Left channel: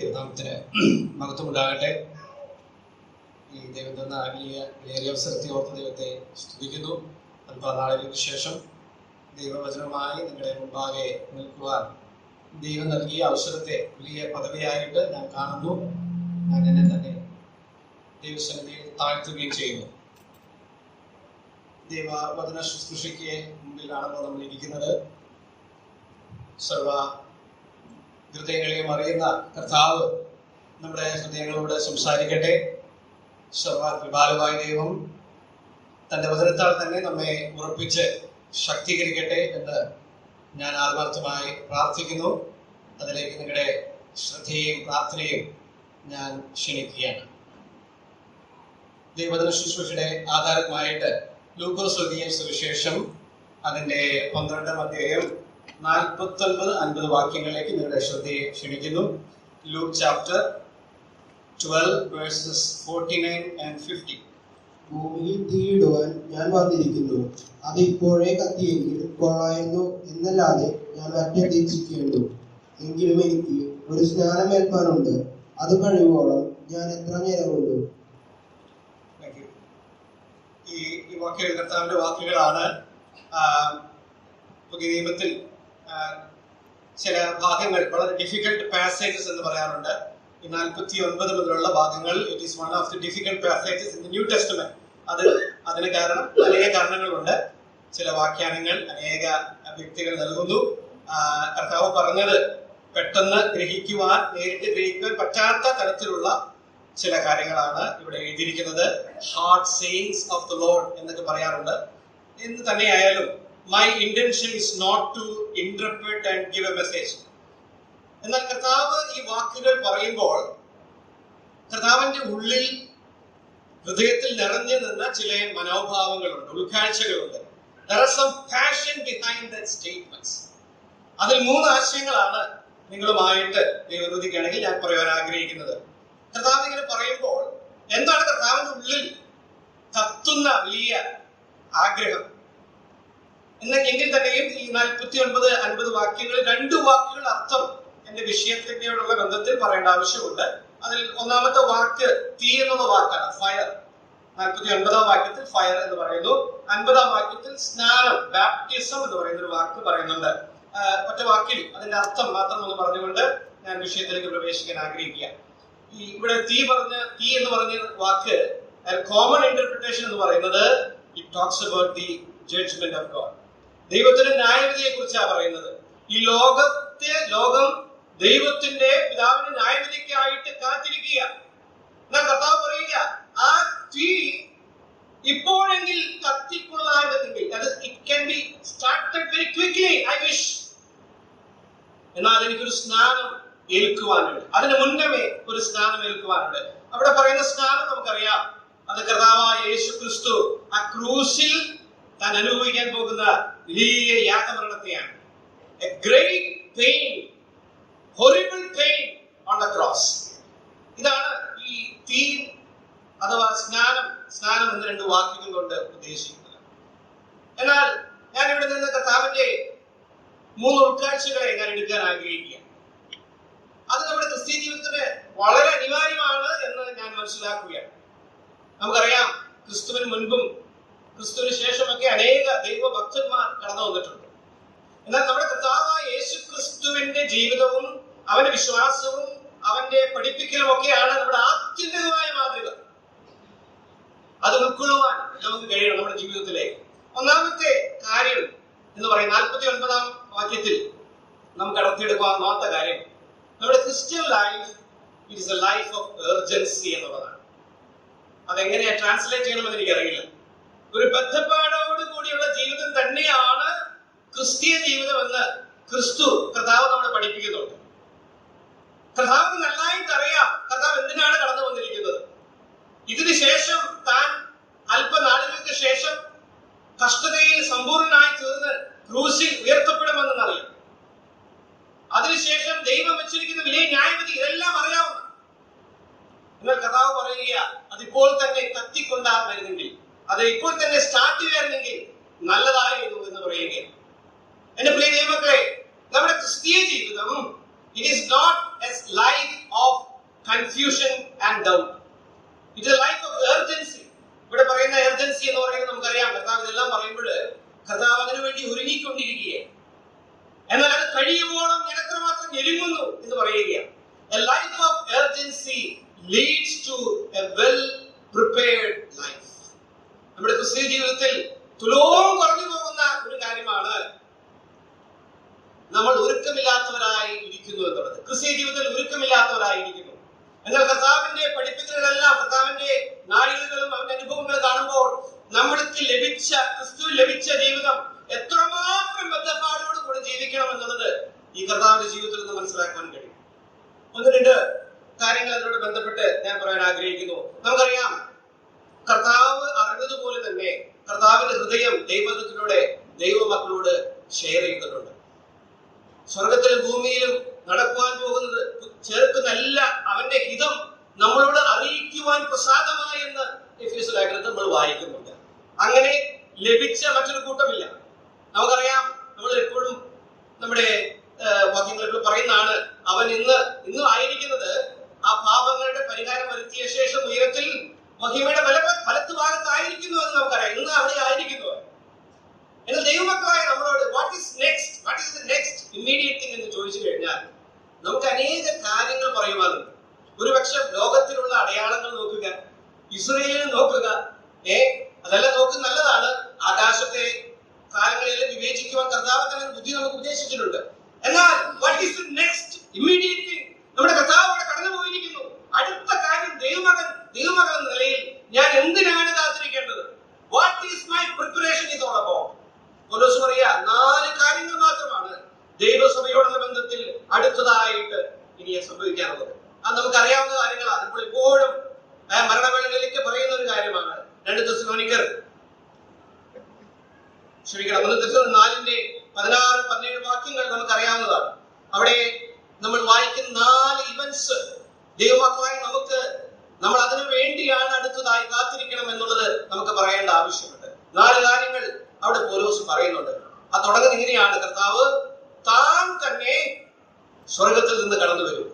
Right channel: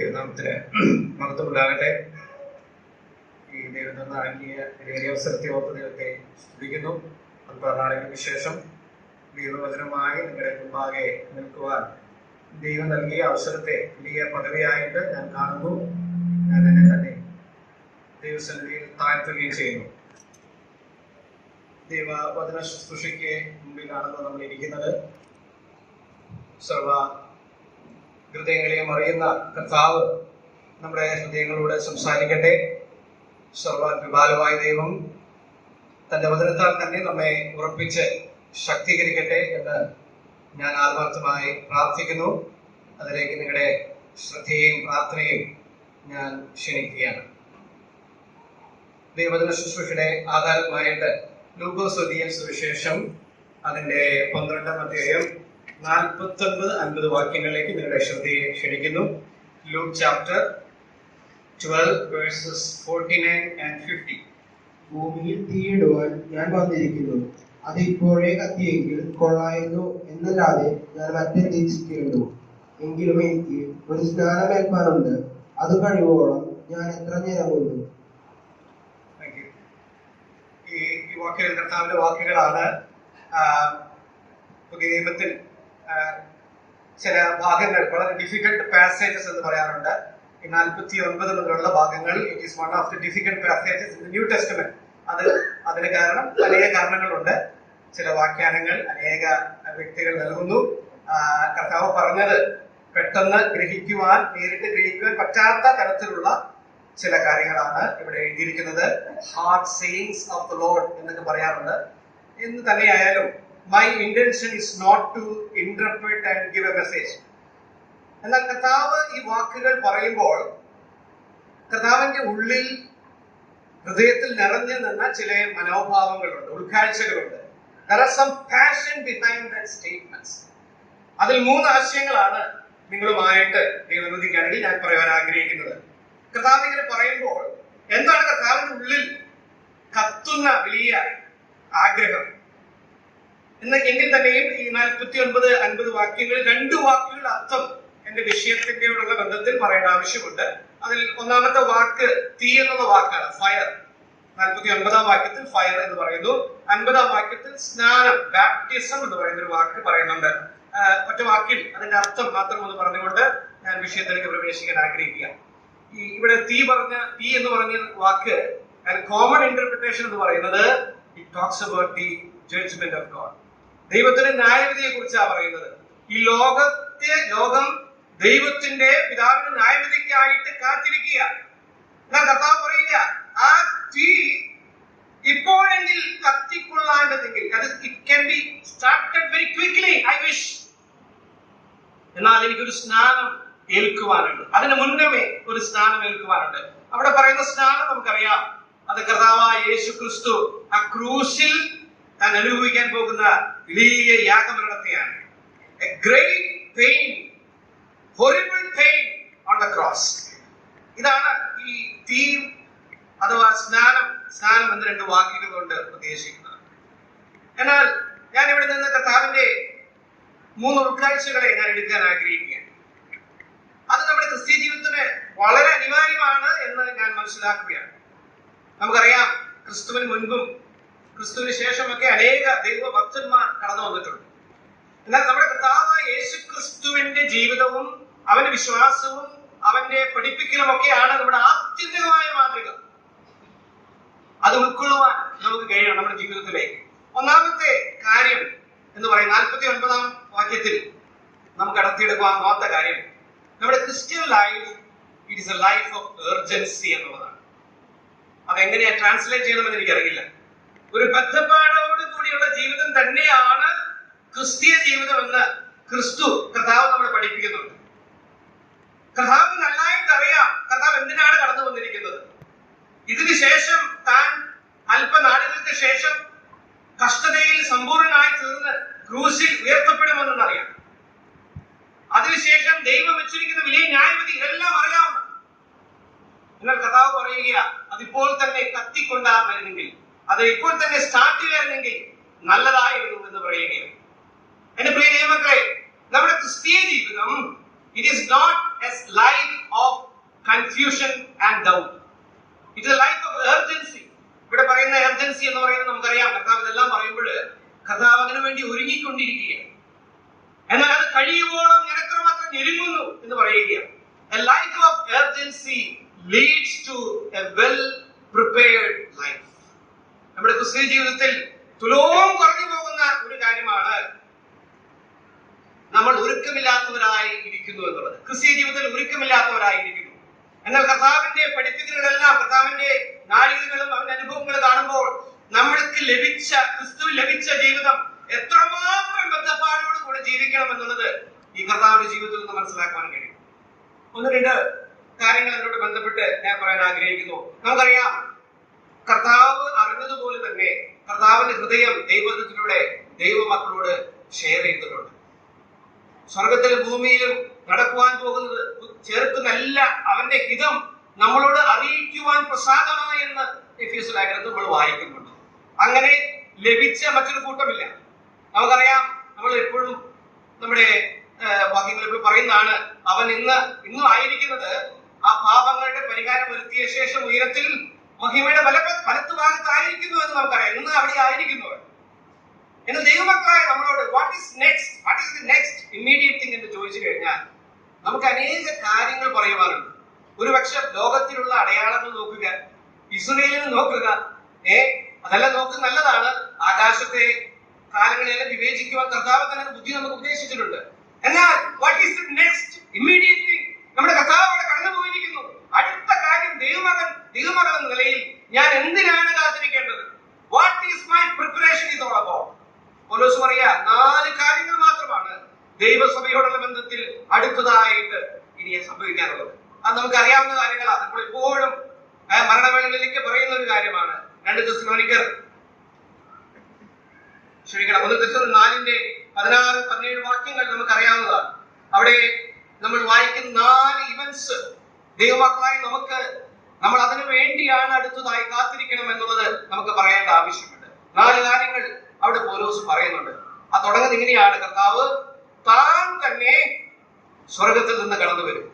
ദൈവനാമത്തിന് മഹത്വമുണ്ടാകട്ടെ. ഈ ദൈവം തന്ന വലിയ അവസരത്തെ ഓർത്ത് ദൈവത്തെ സ്തുതിക്കുന്നു. അല്പനാളുകൾക്ക് ശേഷം ദൈവവചനമായി നിങ്ങളുടെ മുമ്പാകെ നിൽക്കുവാൻ ദൈവം നൽകിയ അവസരത്തെ വലിയ പദവിയായിട്ട് ഞാൻ കാണുന്നു. ഞാൻ എന്നെ തന്നെ ദൈവസന്നിധിയിൽ താഴ്ത്തുകയും ചെയ്യുന്നു. ദൈവവചന ശുശ്രൂഷയ്ക്ക് മുമ്പിലാണല്ലോ നമ്മൾ ഇരിക്കുന്നത്. സർവ ഹൃദയങ്ങളെയും അറിയുന്ന കർത്താവ് നമ്മുടെ ഹൃദയങ്ങളോട് സംസാരിക്കട്ടെ. സർവകൃപാലുവായ ദൈവം തൻ്റെ വചനത്താൽ തന്നെ നമ്മെ ഉറപ്പിച്ച് ശക്തീകരിക്കട്ടെ എന്ന് ഞാൻ ആത്മാർത്ഥമായി പ്രാർത്ഥിക്കുന്നു. അതിലേക്ക് നിങ്ങളുടെ ശ്രദ്ധയും പ്രാർത്ഥനയും ഞാൻ ക്ഷണിക്കുകയാണ്. ദൈവവചന ശുശ്രൂഷയുടെ ആധാരമായിട്ട് ലൂക്കോസ് എഴുതിയ സുവിശേഷം അതിൻ്റെ 12-ാം അധ്യായം 49-50 വാക്യങ്ങളിലേക്ക് നിങ്ങളുടെ ശ്രദ്ധയെ ക്ഷണിക്കുന്നു. Luke chapter 12 verses 49 and 50. ഭൂമിയിൽ തീയിടുവാൻ ഞാൻ വന്നിരിക്കുന്നു, അത് ഇപ്പോഴേ കത്തിയെങ്കിൽ കൊള്ളായിരുന്നു എന്നല്ലാതെ ഞാൻ മറ്റെന്തിച്ചിരിക്കുന്നു. എങ്കിലും എനിക്ക് ഒരു സ്നാനമേൽപ്പാനുണ്ട്, അത് കഴിയുവോളം ഞാൻ എത്ര ഞരങ്ങുന്നു. ഈ വാക്കുകൾ കർത്താവിന്റെ വാക്കുകളാണ്. പുതിയ നിയമത്തിൽ ചില ഭാഗങ്ങൾ വളരെ ഡിഫിക്കൽട്ട് പാസേജസ് എന്ന് പറയാറുണ്ട്. ഈ 49 മുതലുള്ള ഭാഗങ്ങൾ it is one of the difficult passages in the new testament. അതിന് കാരണം അനേക കാരണങ്ങളുണ്ട്. ചില വ്യാഖ്യാനങ്ങൾ അനേക വ്യക്തികൾ നൽകുന്നു. കർത്താവ് പറഞ്ഞത് പെട്ടെന്ന് നേരിട്ട് ഗ്രഹിക്കുവാൻ പറ്റാത്ത തരത്തിലുള്ള ചില കാര്യങ്ങളാണ് ഇവിടെ എഴുതിയിരിക്കുന്നത്. Heart sayings of the Lord എന്നൊക്കെ പറയാറുണ്ട്. എന്ന് തന്നെയായാലും my intention is not to interpret and give a message. എന്നാൽ കർത്താവ് ഈ വാക്കുകൾ പറയുമ്പോൾ കർത്താവിന്റെ ഉള്ളിൽ ഹൃദയത്തിൽ നിറഞ്ഞു നിന്ന ചില മനോഭാവങ്ങളുണ്ട്, ഉൾക്കാഴ്ചകളുണ്ട്. There are some passion behind that statements. അതിൽ 3 ആശയങ്ങളാണ് നിങ്ങളുമായിട്ട് ദൈവനുദിക്കുകയാണെങ്കിൽ ഞാൻ പറയാൻ ആഗ്രഹിക്കുന്നത്. കർത്താവ് ഇങ്ങനെ പറയുമ്പോൾ എന്താണ് കർത്താവിന്റെ ഉള്ളിൽ കത്തുന്ന വലിയ ആഗ്രഹം എങ്കിൽ തന്നെയും ഈ 49-50 വാക്യങ്ങൾ 2 വാക്കുകളുടെ അർത്ഥം എന്റെ വിഷയത്തിനോടുള്ള ബന്ധത്തിൽ പറയേണ്ട ആവശ്യമുണ്ട്. അതിൽ ഒന്നാമത്തെ വാക്ക് തീ എന്നുള്ള വാക്കാണ്, ഫയർ. 49-ാം വാക്യത്തിൽ ഫയർ എന്ന് പറയുന്നു. 50-ാം വാക്യത്തിൽ സ്നാനം, ബാപ്റ്റിസം എന്ന് പറയുന്ന ഒരു വാക്ക് പറയുന്നുണ്ട്. ഒറ്റ വാക്കിൽ അതിന്റെ അർത്ഥം മാത്രം ഒന്ന് പറഞ്ഞുകൊണ്ട് ഞാൻ വിഷയത്തിലേക്ക് പ്രവേശിക്കാൻ ആഗ്രഹിക്കുക. ഇവിടെ തീ എന്ന് പറഞ്ഞ വാക്ക് കോമൺ ഇന്റർപ്രിട്ടേഷൻ എന്ന് പറയുന്നത് it talks about the judgment of God. ദൈവത്തിന്റെ ന്യായവിധിയെ കുറിച്ചാണ് പറയുന്നത്. ഈ ലോകം ദൈവത്തിന്റെ പിതാവിന്റെ ന്യായവിധിക്കായിട്ട് കാത്തിരിക്കുക. എന്നാൽ കർത്താവ് പറയുക, ആ തീ ഇപ്പോഴെങ്കിൽ കത്തിക്കൊള്ളാമെന്നെങ്കിൽ it can be started very quickly. I wish. എന്നാൽ എനിക്കൊരു സ്നാനം ഏൽക്കുവാനുണ്ട്, അതിന് മുന്നമേ ഒരു സ്നാനം ഏൽക്കുവാനുണ്ട്. അവിടെ പറയുന്ന സ്നാനം നമുക്കറിയാം, അത് കർത്താവായ യേശു ക്രിസ്തു ആ ക്രൂശിൽ താൻ അനുഭവിക്കാൻ പോകുന്ന വലിയ യാഗമരണത്തെയാണ്. A great pain, horrible pain on the cross. ഇതാണ് ഈ തീ അഥവാ സ്നാനം എന്ന 2 വാക്കുകൾ കൊണ്ട് ഉദ്ദേശിക്കുന്നത്. എന്നാൽ ഞാൻ ഇവിടെ നിന്ന് കർത്താവിന്റെ 3 ഉൾക്കാഴ്ചകളെ ഞാൻ എടുക്കാൻ ആഗ്രഹിക്കുകയാണ്. അത് നമ്മുടെ ക്രിസ്തീയ ജീവിതത്തിന് വളരെ അനിവാര്യമാണ് എന്ന് ഞാൻ മനസ്സിലാക്കുകയാണ്. നമുക്കറിയാം, ക്രിസ്തുവിന് മുൻപും ക്രിസ്തുവിന് ശേഷമൊക്കെ അനേക ദൈവഭക്തന്മാർ കടന്നു വന്നിട്ടുണ്ട്. എന്നാൽ നമ്മുടെ കർത്താവായ യേശു ക്രിസ്തുവിന്റെ ജീവിതവും അവന്റെ വിശ്വാസവും അവന്റെ പഠിപ്പിക്കലും ഒക്കെയാണ് നമ്മുടെ ആത്യന്തികമായ മാതൃക. അത് ഉൾക്കൊള്ളുവാൻ നമുക്ക് കഴിയണം നമ്മുടെ ജീവിതത്തിലേക്ക്. ഒന്നാമത്തെ കാര്യം എന്ന് പറയുന്നത് 49-ാം വാക്യത്തിൽ നമുക്ക് കടത്തിയെടുക്കാവുന്ന കാര്യം, നമ്മുടെ Christian life it is A life of urgency എന്നുള്ളതാണ്. അതെങ്ങനെയാ ട്രാൻസ്ലേറ്റ് ചെയ്യണമെന്ന് എനിക്കറിയില്ല. ഒരു ബദ്ധപ്പാടോട് കൂടിയുള്ള ജീവിതം തന്നെയാണ് ക്രിസ്തീയ ജീവിതം എന്ന് കർത്താവ് നമ്മളെ പഠിപ്പിക്കുന്നുണ്ട്. കർത്താവ് നന്നായിട്ട് അറിയാം കർത്താവ് എന്തിനാണ് കടന്നു വന്നിരിക്കുന്നത്. ഇതിനു ശേഷം താൻ അല്പനാളുകൾക്ക് ശേഷം കഷ്ടതയിൽ സമ്പൂർണനായി തീർന്ന് ക്രൂശിൽ ഉയർത്തപ്പെടുമെന്നറിയാം. അതിനുശേഷം ദൈവം വെച്ചിരിക്കുന്ന വലിയ ന്യായവിധി എല്ലാം അറിയാവുന്ന. എന്നാൽ കർത്താവ് പറയുക, അതിപ്പോൾ തന്നെ കത്തിക്കൊണ്ടായിരുന്നെങ്കിൽ, അത് ഇപ്പോൾ തന്നെ സ്റ്റാർട്ട് ചെയ്യായിരുന്നെങ്കിൽ നല്ലതായിരുന്നു എന്ന് പറയുകയാണ്. എന്റെ പ്രിയ ദൈവമക്കളെ, നമ്മുടെ ക്രിസ്തീയ ജീവിതം it is not a life of confusion and doubt. It's A life of urgency. ഇവിടെ പറയുന്ന എർജൻസി എന്ന് പറയുന്നത് നമുക്കറിയാം. കർത്താവ് ഇതെല്ലാം പറയുമ്പോൾ കർത്താവ് അതിനു വേണ്ടി ഒരുങ്ങിക്കൊണ്ടിരിക്കുകയാണ്. എന്നാൽ അത് കഴിയുമ്പോഴും ഞാൻ എത്രമാത്രം ഞെരുങ്ങുന്നു എന്ന് പറയുകയാണ്. A life of urgency leads to a well prepared life. നമ്മുടെ ക്രിസ്തീയ ജീവിതത്തിൽ തുലോം കുറഞ്ഞു പോകുന്ന ഒരു കാര്യമാണ് നമ്മൾ ഒരുക്കമില്ലാത്തവരായി ഇരിക്കുന്നു എന്നുള്ളത്. ക്രിസ്തീയ ജീവിതത്തിൽ ഒരുക്കമില്ലാത്തവരായിരിക്കുന്നു. എന്നാൽ കർത്താവിന്റെ പഠിപ്പിക്കലുകളെല്ലാം, കർത്താവിന്റെ നാഴികകളും അവന്റെ അനുഭവങ്ങളും കാണുമ്പോൾ നമ്മൾക്ക് ലഭിച്ച ക്രിസ്തു ലഭിച്ച ജീവിതം എത്രമാത്രം ബദ്ധപ്പാടോട് കൂടെ ജീവിക്കണം എന്നുള്ളത് ഈ കർത്താവിന്റെ ജീവിതത്തിൽ നിന്ന് മനസ്സിലാക്കാൻ കഴിയും. ഒന്ന് രണ്ട് കാര്യങ്ങൾ അതിനോട് ബന്ധപ്പെട്ട് ഞാൻ പറയാൻ ആഗ്രഹിക്കുന്നു. നമുക്കറിയാം, കർത്താവ് അറിഞ്ഞതുപോലെ തന്നെ കർത്താവിന്റെ ഹൃദയം ദൈവത്തിലൂടെ ദൈവമക്കളോട് ഷെയർ ചെയ്തിട്ടുണ്ട്. സ്വർഗത്തിലും ഭൂമിയിലും നടക്കുവാൻ പോകുന്നത് ചേർക്കുന്നല്ല അവന്റെ ഹിതം നമ്മളോട് അറിയിക്കുവാൻ പ്രസാദമായി എന്ന് എഫേസ്യ ലേഖനത്തിൽ നമ്മൾ വായിക്കുന്നുണ്ട്. അങ്ങനെ ലഭിച്ച മറ്റൊരു കൂട്ടമില്ല. നമുക്കറിയാം, നമ്മൾ എപ്പോഴും നമ്മുടെ വാക്യങ്ങളിൽ പറയുന്നതാണ്, അവൻ ഇന്നും ആയിരിക്കുന്നത് ആ പാപങ്ങളുടെ പരിഹാരം വരുത്തിയ ശേഷം ഉയരത്തിൽ മഹിമയുടെ വലത്ത് ഭാഗത്തായിരിക്കുന്നു എന്ന് നമുക്കറിയാം. ഇന്ന് അവിടെ ആയിരിക്കുന്നു. എന്നാൽ ദൈവമക്കളായ നമ്മളോട് what is the next immediate thing എന്ന് ചോദിച്ചു കഴിഞ്ഞാൽ നമുക്ക് അനേക കാര്യങ്ങൾ പറയുവാനുണ്ട്. ഒരുപക്ഷെ ലോകത്തിലുള്ള അടയാളങ്ങൾ നോക്കുക, ഇസ്രയേലിനെ നോക്കുക. അതെല്ലാം നോക്കുക, നല്ലതാണ്. ആകാശത്തെ കാലങ്ങളെല്ലാം വിവേചിക്കുവാൻ കർത്താവ് തന്നെ ബുദ്ധി നമുക്ക് ഉപദേശിച്ചിട്ടുണ്ട്. എന്നാൽ what is the next immediate thing? നമ്മുടെ കർത്താവ് അവിടെ കടന്നു പോയിരിക്കുന്നു. അടുത്ത കാര്യം ദൈവമകൻ എന്ന നിലയിൽ ഞാൻ എന്തിനാണ് കാത്തിരിക്കേണ്ടത്? What is my preparation is all about? Paulos പറയുക, 4 കാര്യങ്ങൾ മാത്രമാണ് ദൈവസഭയോടുള്ള ബന്ധത്തിൽ അടുത്തതായിട്ട് ഇനി സംഭവിക്കാനുള്ളത്. അത് നമുക്ക് അറിയാവുന്ന കാര്യങ്ങളാണ്. നമ്മൾ എപ്പോഴും മരണവേളകളിലേക്ക് പറയുന്ന ഒരു കാര്യമാണ്. 2 തെസ്സലോനിക്കർ 4:16-17 വാക്യങ്ങൾ നമുക്ക് അറിയാവുന്നതാണ്. അവിടെ നമ്മൾ വായിക്കുന്ന 4 ഇവന്റ്സ് ദൈവമക്കളായി നമ്മൾ അതിനു വേണ്ടിയാണ് അടുത്തതായി കാത്തിരിക്കണം എന്നുള്ളത് നമുക്ക് പറയേണ്ട ആവശ്യമുണ്ട്. 4 കാര്യങ്ങൾ അവിടെ പൗലോസ് പറയുന്നുണ്ട്. അത് തുടങ്ങുന്നത് ഇങ്ങനെയാണ്: കർത്താവ് താൻ തന്നെ സ്വർഗത്തിൽ നിന്ന് കടന്നു വരും.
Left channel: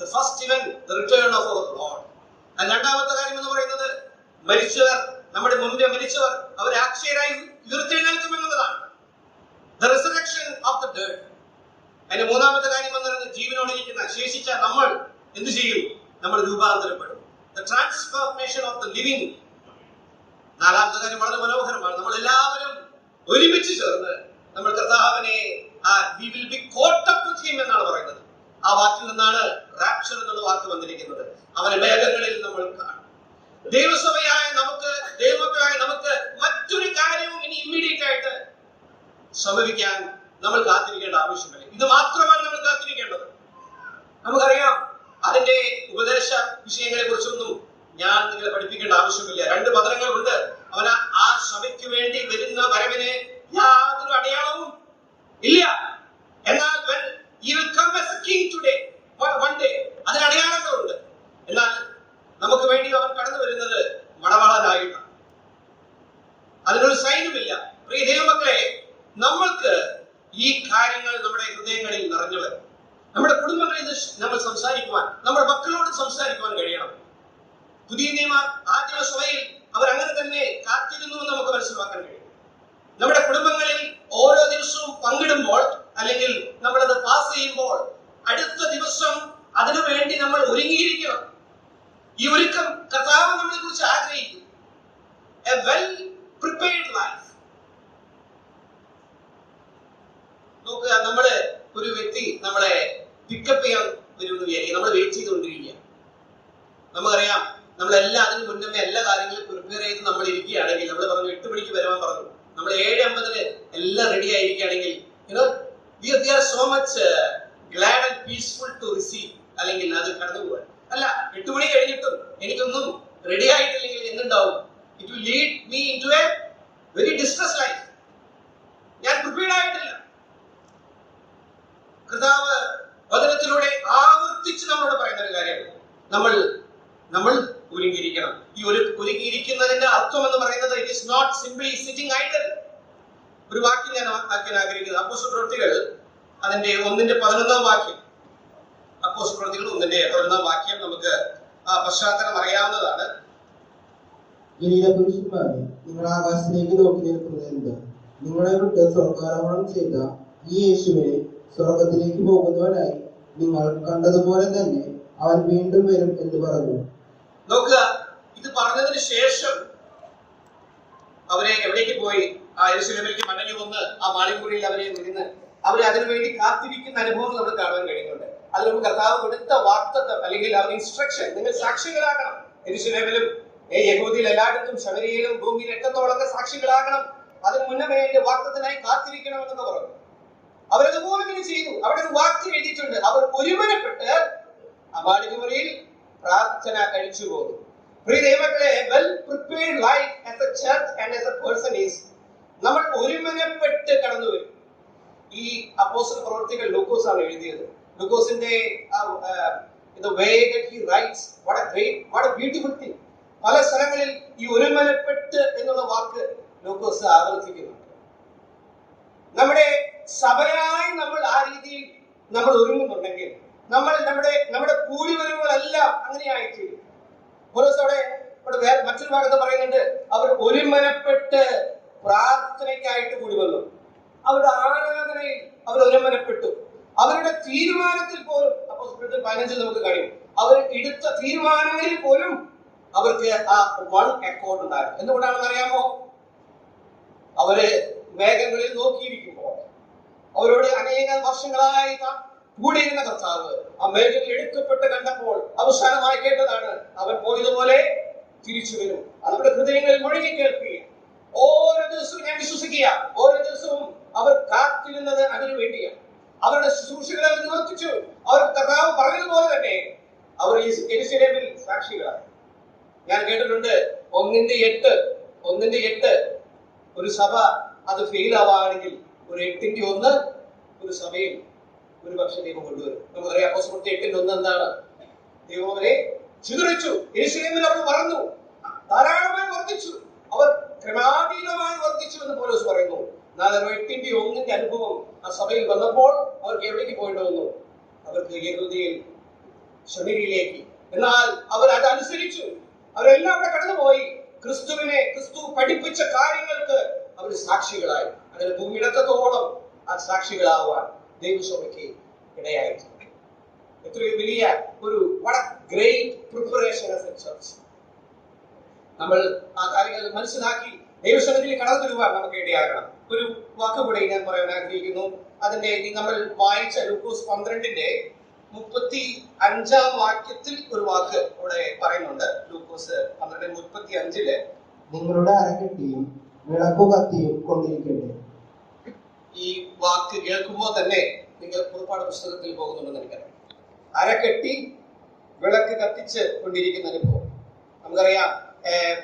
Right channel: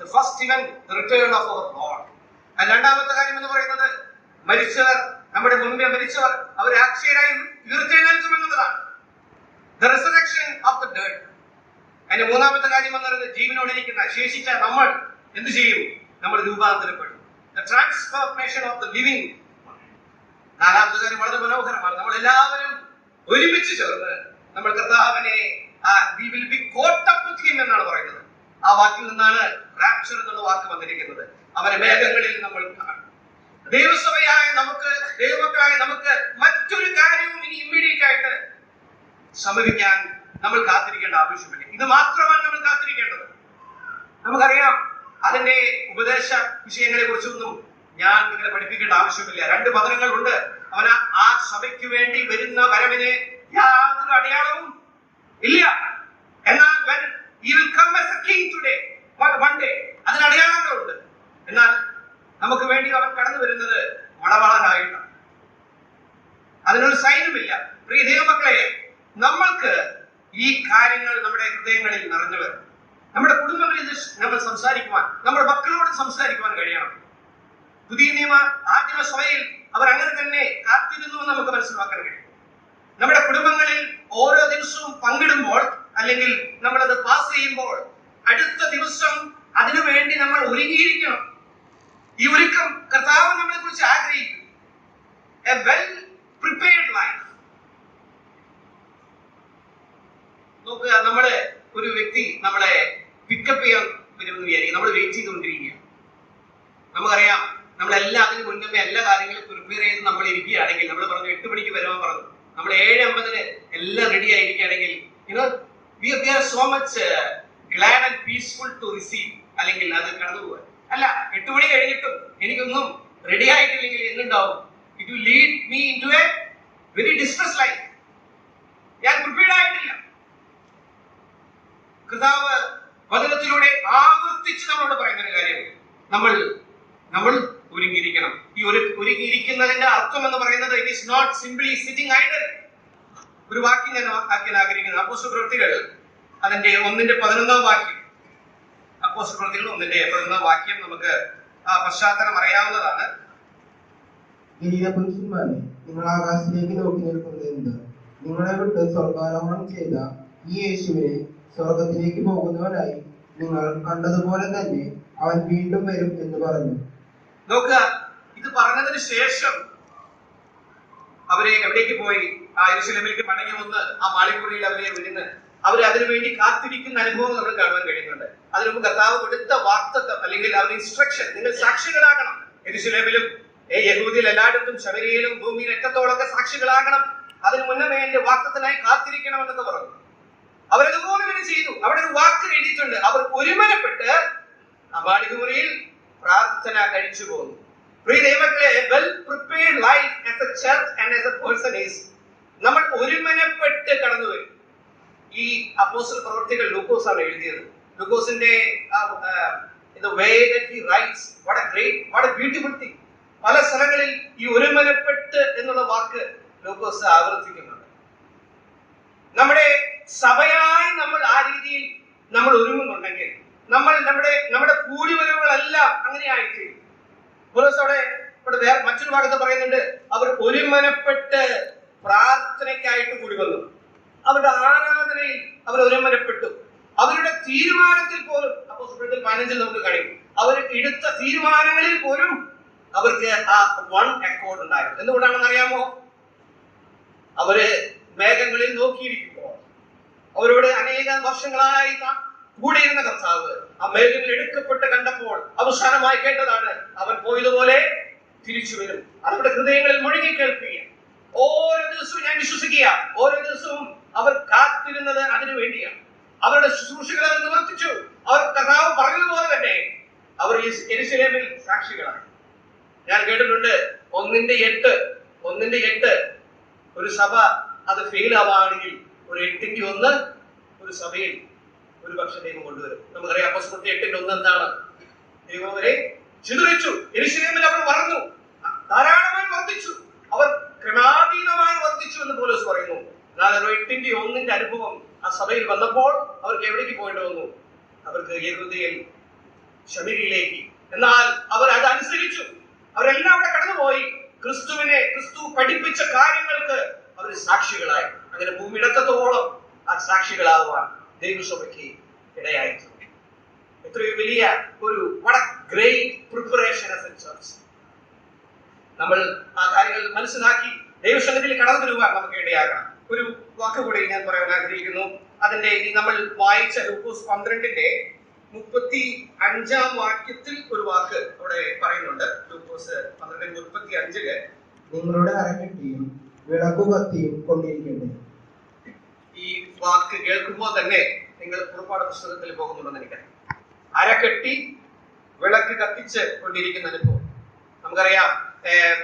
The first event, the return of our Lord. രണ്ടാമത്തെ കാര്യം എന്ന് പറയുന്നത് മരിച്ചവർ, നമ്മുടെ മുമ്പേ മരിച്ചവർ അവർ അക്ഷയരായി ഉയർത്തെഴുന്നേൽക്കും എന്നുള്ളതാണ്. The resurrection of the dead. അതിന്റെ മൂന്നാമത്തെ കാര്യം എന്ന് പറയുന്നത് ജീവനോടിരിക്കുന്ന ശേഷിച്ച നമ്മൾ എന്ത് ചെയ്യും? നമ്മൾ രൂപാന്തരപ്പെടും. The transformation of the living. നാലാമത്തെ കാര്യം വളരെ മനോഹരമാണ്. നമ്മൾ എല്ലാവരും ഒരുമിച്ച് ചേർന്ന് നമ്മൾ കർത്താവിനെ we will be caught up with him എന്നാണ് പറയുന്നത്. ആ വാക്കിൽ നിന്നാണ് റാപ്ചർ എന്നുള്ള വാക്ക് വന്നിരിക്കുന്നത്. അവനെ മേഘങ്ങളിൽ നമ്മൾ കാണും. ദൈവസഭയായ നമുക്ക്, ദൈവമക്കളായ നമുക്ക് മറ്റൊരു കാര്യവും ഇനി ഇമ്മീഡിയറ്റ് ആയിട്ട് സംഭവിക്കാൻ നമ്മൾ കാത്തിരിക്കേണ്ട ആവശ്യമില്ല. ഇത് മാത്രമാണ് നമ്മൾ കാത്തിരിക്കേണ്ടത്. നമുക്കറിയാം, അതിന്റെ ഉപദേശ വിഷയങ്ങളെ കുറിച്ചൊന്നും ഞാൻ നിങ്ങളെ പഠിപ്പിക്കേണ്ട ആവശ്യമില്ല. 2 പതനങ്ങളുണ്ട്. അവന് ആ സഭയ്ക്ക് വേണ്ടി വരുന്ന വരവിന് യാതൊരു അടയാളവും ഇല്ല. എന്നാൽ when he will come as a king today, one day, അതിന് അടയാളങ്ങളുണ്ട്. എന്നാൽ നമുക്ക് വേണ്ടി അവൻ കടന്നു വരുന്നത് മണവാളനായിട്ടാണ്. അതിനൊരു സൈനുമില്ല. പ്രിയ ദൈവമക്കളെ, നമ്മൾക്ക് ഈ കാര്യങ്ങൾ നമ്മുടെ ഹൃദയങ്ങളിൽ നിറഞ്ഞു വരണം. നമ്മുടെ കുടുംബങ്ങളിൽ നമ്മൾ സംസാരിക്കുവാൻ, നമ്മുടെ മക്കളോട് സംസാരിക്കുവാൻ കഴിയണം. പുതിയ നിയമ ആദിമ സഭയിൽ അവർ അങ്ങനെ തന്നെ കാത്തിരുന്നു എന്ന് നമുക്ക് മനസ്സിലാക്കാൻ കഴിയും. നമ്മുടെ കുടുംബങ്ങളിൽ ഓരോ ദിവസവും പങ്കിടുമ്പോൾ അല്ലെങ്കിൽ നമ്മളത് പാസ് ചെയ്യുമ്പോൾ അടുത്ത ദിവസം അതിനു വേണ്ടി നമ്മൾ ഒരുങ്ങിയിരിക്കണം. ഈ ഒരുക്കം കർത്താവ് നമ്മളെ കുറിച്ച് ആഗ്രഹിക്കും. A well prepared life. നോക്കുക, നമ്മള് ഒരു വ്യക്തി നമ്മളെ പിക്കപ്പ് ചെയ്യാൻ വരുമെന്ന് വിചാരിക്കും. നമ്മൾ വെയിറ്റ് ചെയ്തുകൊണ്ടിരിക്കുക. നമുക്കറിയാം, നമ്മളെല്ലാം അതിന് മുന്നേ എല്ലാ കാര്യങ്ങളും പ്രിപ്പയർ ചെയ്ത് നമ്മൾ ഇരിക്കുകയാണെങ്കിൽ, നമ്മൾ പറഞ്ഞു 8 മണിക്ക് വരാൻ പറഞ്ഞു, നമ്മൾ 7:50 എല്ലാം ready ആയിരിക്കുകയാണെങ്കിൽ we are so much glad and peaceful to receive, അല്ലെങ്കിൽ അത് കടന്നു പോകാൻ. അല്ല, 8 മണി കഴിഞ്ഞിട്ടും എനിക്കൊന്നും റെഡി ആയിട്ടില്ലെങ്കിൽ എന്തുണ്ടാവും? It will lead me into a very distressed life. ഞാൻ പ്രിപ്പയർഡ് ആയിട്ടില്ല. കർത്താവ് വചനത്തിലൂടെ ആവർത്തിച്ച് നമ്മളോട് പറയുന്ന ഒരു കാര്യം, നമ്മൾ ഒരുങ്ങിയിരിക്കണം. ഈ ഒരുങ്ങിയിരിക്കുന്നതിന്റെ അർത്ഥം എന്ന് പറയുന്നത് it is not simply sitting idle. ഒരു വാക്യം ഞാൻ ആക്കാൻ ആഗ്രഹിക്കുന്നത് അപ്പോസ്തല പ്രവൃത്തികൾ അതിന്റെ 1:11 വാക്യം. അപ്പോസ്തലപ്രവൃത്തികൾ 1:8 വാക്യം നമുക്ക് പശ്ചാത്തലം അറിയാവുന്നതാണ്. ഗലീല പുരുഷന്മാരെ, നിങ്ങൾ ആകാശത്തിലേക്ക് നോക്കി നിൽക്കുന്നത് എന്ത്? നിങ്ങളെ വിട്ട് സ്വർഗാരോഹണം ചെയ്ത ഈ യേശുവിനെ സ്വർഗത്തിലേക്ക് പോകുന്നവനായി നിങ്ങൾ കണ്ടതുപോലെ തന്നെ അവൻ വീണ്ടും വരും എന്ന് പറഞ്ഞു. നോക്കുക, ഇത് പറഞ്ഞതിന് ശേഷം അവരെ എവിടേക്ക് പോയി? ആ യെരൂശലേമിലേക്ക് മടങ്ങി വന്ന് ആ മാളികപ്പുരയിൽ അവരെ ഇരുന്ന് അവരെ അതിനുവേണ്ടി കാത്തിരിക്കുന്ന അനുഭവം നമ്മൾ കാണുവാൻ കഴിയുന്നുണ്ട്. അതിനു മുമ്പ് കർത്താവ് കൊടുത്ത വാഗ്ദത്തം അല്ലെങ്കിൽ അവരുടെ ഇൻസ്ട്രക്ഷൻ, നിങ്ങൾ സാക്ഷികളാകണം. യെരൂശലേമിലും യഹൂദിയിൽ എല്ലായിടത്തും ശമരിയയിലും ഭൂമിയിൽ എക്കത്തോളൊക്കെ സാക്ഷികളാകണം. അതിന് മുന്നമേ എന്റെ വാഗ്ദത്തത്തിനായി കാത്തിരിക്കണം എന്നൊക്കെ പറഞ്ഞു. അവരതുപോലെ തന്നെ ചെയ്തു. അവിടെ ഒരു വാക്ക് എഴുതിയിട്ടുണ്ട്, അവർ ഒരുമനപ്പെട്ട് ആ മാളികമുറിയിൽ പ്രാർത്ഥന കഴിച്ചു പോന്നു. പ്രിയ ദൈവമക്കളെ, well prepared life as A church and as A person is, നമ്മൾ ഒരുമനപ്പെട്ട് കടന്നു വരും. ഈ അപ്പോസ്തല പ്രവൃത്തികൾ ലൂക്കോസ് ആണ് എഴുതിയത്. ലൂക്കോസിന്റെ the way that he writes, what a beautiful thing. പല സ്ഥലങ്ങളിൽ ഈ ഒരുമനപ്പെട്ട് എന്നുള്ള വാക്ക് ലൂക്കോസ് ആവർത്തിക്കുന്നുണ്ട്. നമ്മുടെ സഭയായി നമ്മൾ ആ രീതിയിൽ നമ്മൾ ഒരുങ്ങുന്നുണ്ടെങ്കിൽ നമ്മൾ നമ്മുടെ കൂടിവരവുകളെല്ലാം അങ്ങനെ ആയിത്തീരും. അവിടെ മറ്റൊരു ഭാഗത്ത് പറയുന്നുണ്ട്, അവർ ഒരുമനപ്പെട്ട് പ്രാർത്ഥനയ്ക്കായിട്ട് കൂടി വന്നു. അവരുടെ ആരാധനയിൽ അവർ ഒരുമനപ്പെട്ടു. അവരുടെ തീരുമാനത്തിൽ പോലും അപ്പോസ്തലപ്രവൃത്തി 15 നമുക്ക് കഴിയും. അവർ എടുത്ത തീരുമാനങ്ങളിൽ പോലും അവർക്ക് ആ വൺ അക്കോർഡ് ഉണ്ടായിരുന്നു. എന്തുകൊണ്ടാണെന്ന് അറിയാമോ? അവര് മേഘങ്ങളിൽ നോക്കിയിരിക്കുമ്പോൾ അവരോട് അനേക വർഷങ്ങളായി കൂടിയിരുന്ന കർത്താവ് ആ മേഘങ്ങളിൽ എടുക്കപ്പെട്ട് കണ്ടപ്പോൾ അവസാനമായി കേട്ടതാണ്, അവൻ പോയതുപോലെ തിരിച്ചു വരും. അതവരുടെ ഹൃദയങ്ങളിൽ മുഴങ്ങി കേൾക്കുക. ഓരോ ദിവസവും ഞാൻ വിശ്വസിക്കുക, ഓരോ ദിവസവും അവർ കാത്തിരുന്നത് അതിനു വേണ്ടിയാണ്. അവരുടെ ശുശ്രൂഷകളെ അവർ നിവർത്തിച്ചു. അവർ കർത്താവ് പറഞ്ഞതുപോലെ തന്നെ അവർ യെരൂശലേമിൽ സാക്ഷികളായി. ഞാൻ കേട്ടിട്ടുണ്ട് 1:8 ഒരു സഭ അത് ഫെയിൽ ആവുകയാണെങ്കിൽ ഒരു 8:1 ഒരു സഭയിൽ ഒരു പക്ഷെ ദൈവം കൊണ്ടുവരും. നമുക്കറിയാം അപ്പോസ്തലപ്രവൃത്തി 8:1 എന്താണ്? ദൈവം അവരെ ചിതറിച്ചു. യെരൂശലേമിൽ അവർ വളർന്നു, ധാരാളമായി വർദ്ധിച്ചു, അവർ ക്രമാതീതമായി വർദ്ധിച്ചു എന്ന് പൗലോസ് പറയുന്നു. എന്നാൽ 8:1 അനുഭവം ആ സഭയിൽ വന്നപ്പോൾ അവർക്ക് എവിടേക്ക് പോയിട്ട് വന്നു? അവർക്ക് യഹൂദയിൽ ശമരിയിലേക്ക്. എന്നാൽ അവർ അത് അനുസരിച്ചു. അവരെല്ലാം അവിടെ കടന്നുപോയി. ക്രിസ്തു പഠിപ്പിച്ച കാര്യങ്ങൾക്ക് അവർ സാക്ഷികളായി. അങ്ങനെ ഭൂമിയിടത്തോളം ആ സാക്ഷികളാവാൻ ദൈവസഭയ്ക്ക് ഇടയായിട്ടുണ്ട്. എത്രയോ വലിയ ഒരു great preparation as A church. നമ്മൾ ആ കാര്യങ്ങൾ മനസ്സിലാക്കി ദൈവസംഘത്തിൽ കടന്നു വരുവാൻ നമുക്ക് ഇടയാകണം. ഒരു വാക്ക് കൂടെ ഞാൻ പറയാൻ ആഗ്രഹിക്കുന്നു. അതിന്റെ നമ്മൾ വായിച്ച ലൂക്കോസ് 12:35 വാക്യത്തിൽ ഒരു വാക്ക് അവിടെ പറയുന്നുണ്ട്. ലൂക്കോസ് 12:35 നിങ്ങളുടെ അരക്കെട്ടിയും വിളക്കു കത്തിയും കൊണ്ടിരിക്കട്ടെ. ഈ വാക്ക് കേൾക്കുമ്പോൾ തന്നെ നിങ്ങൾ പുറപ്പാട് പുസ്തകത്തിൽ പോകുന്നുണ്ടെന്ന് എനിക്കറിയാം. അരക്കെട്ടി വിളക്ക് കത്തിച്ച് കൊണ്ടിരിക്കുന്ന അനുഭവം നമുക്കറിയാം.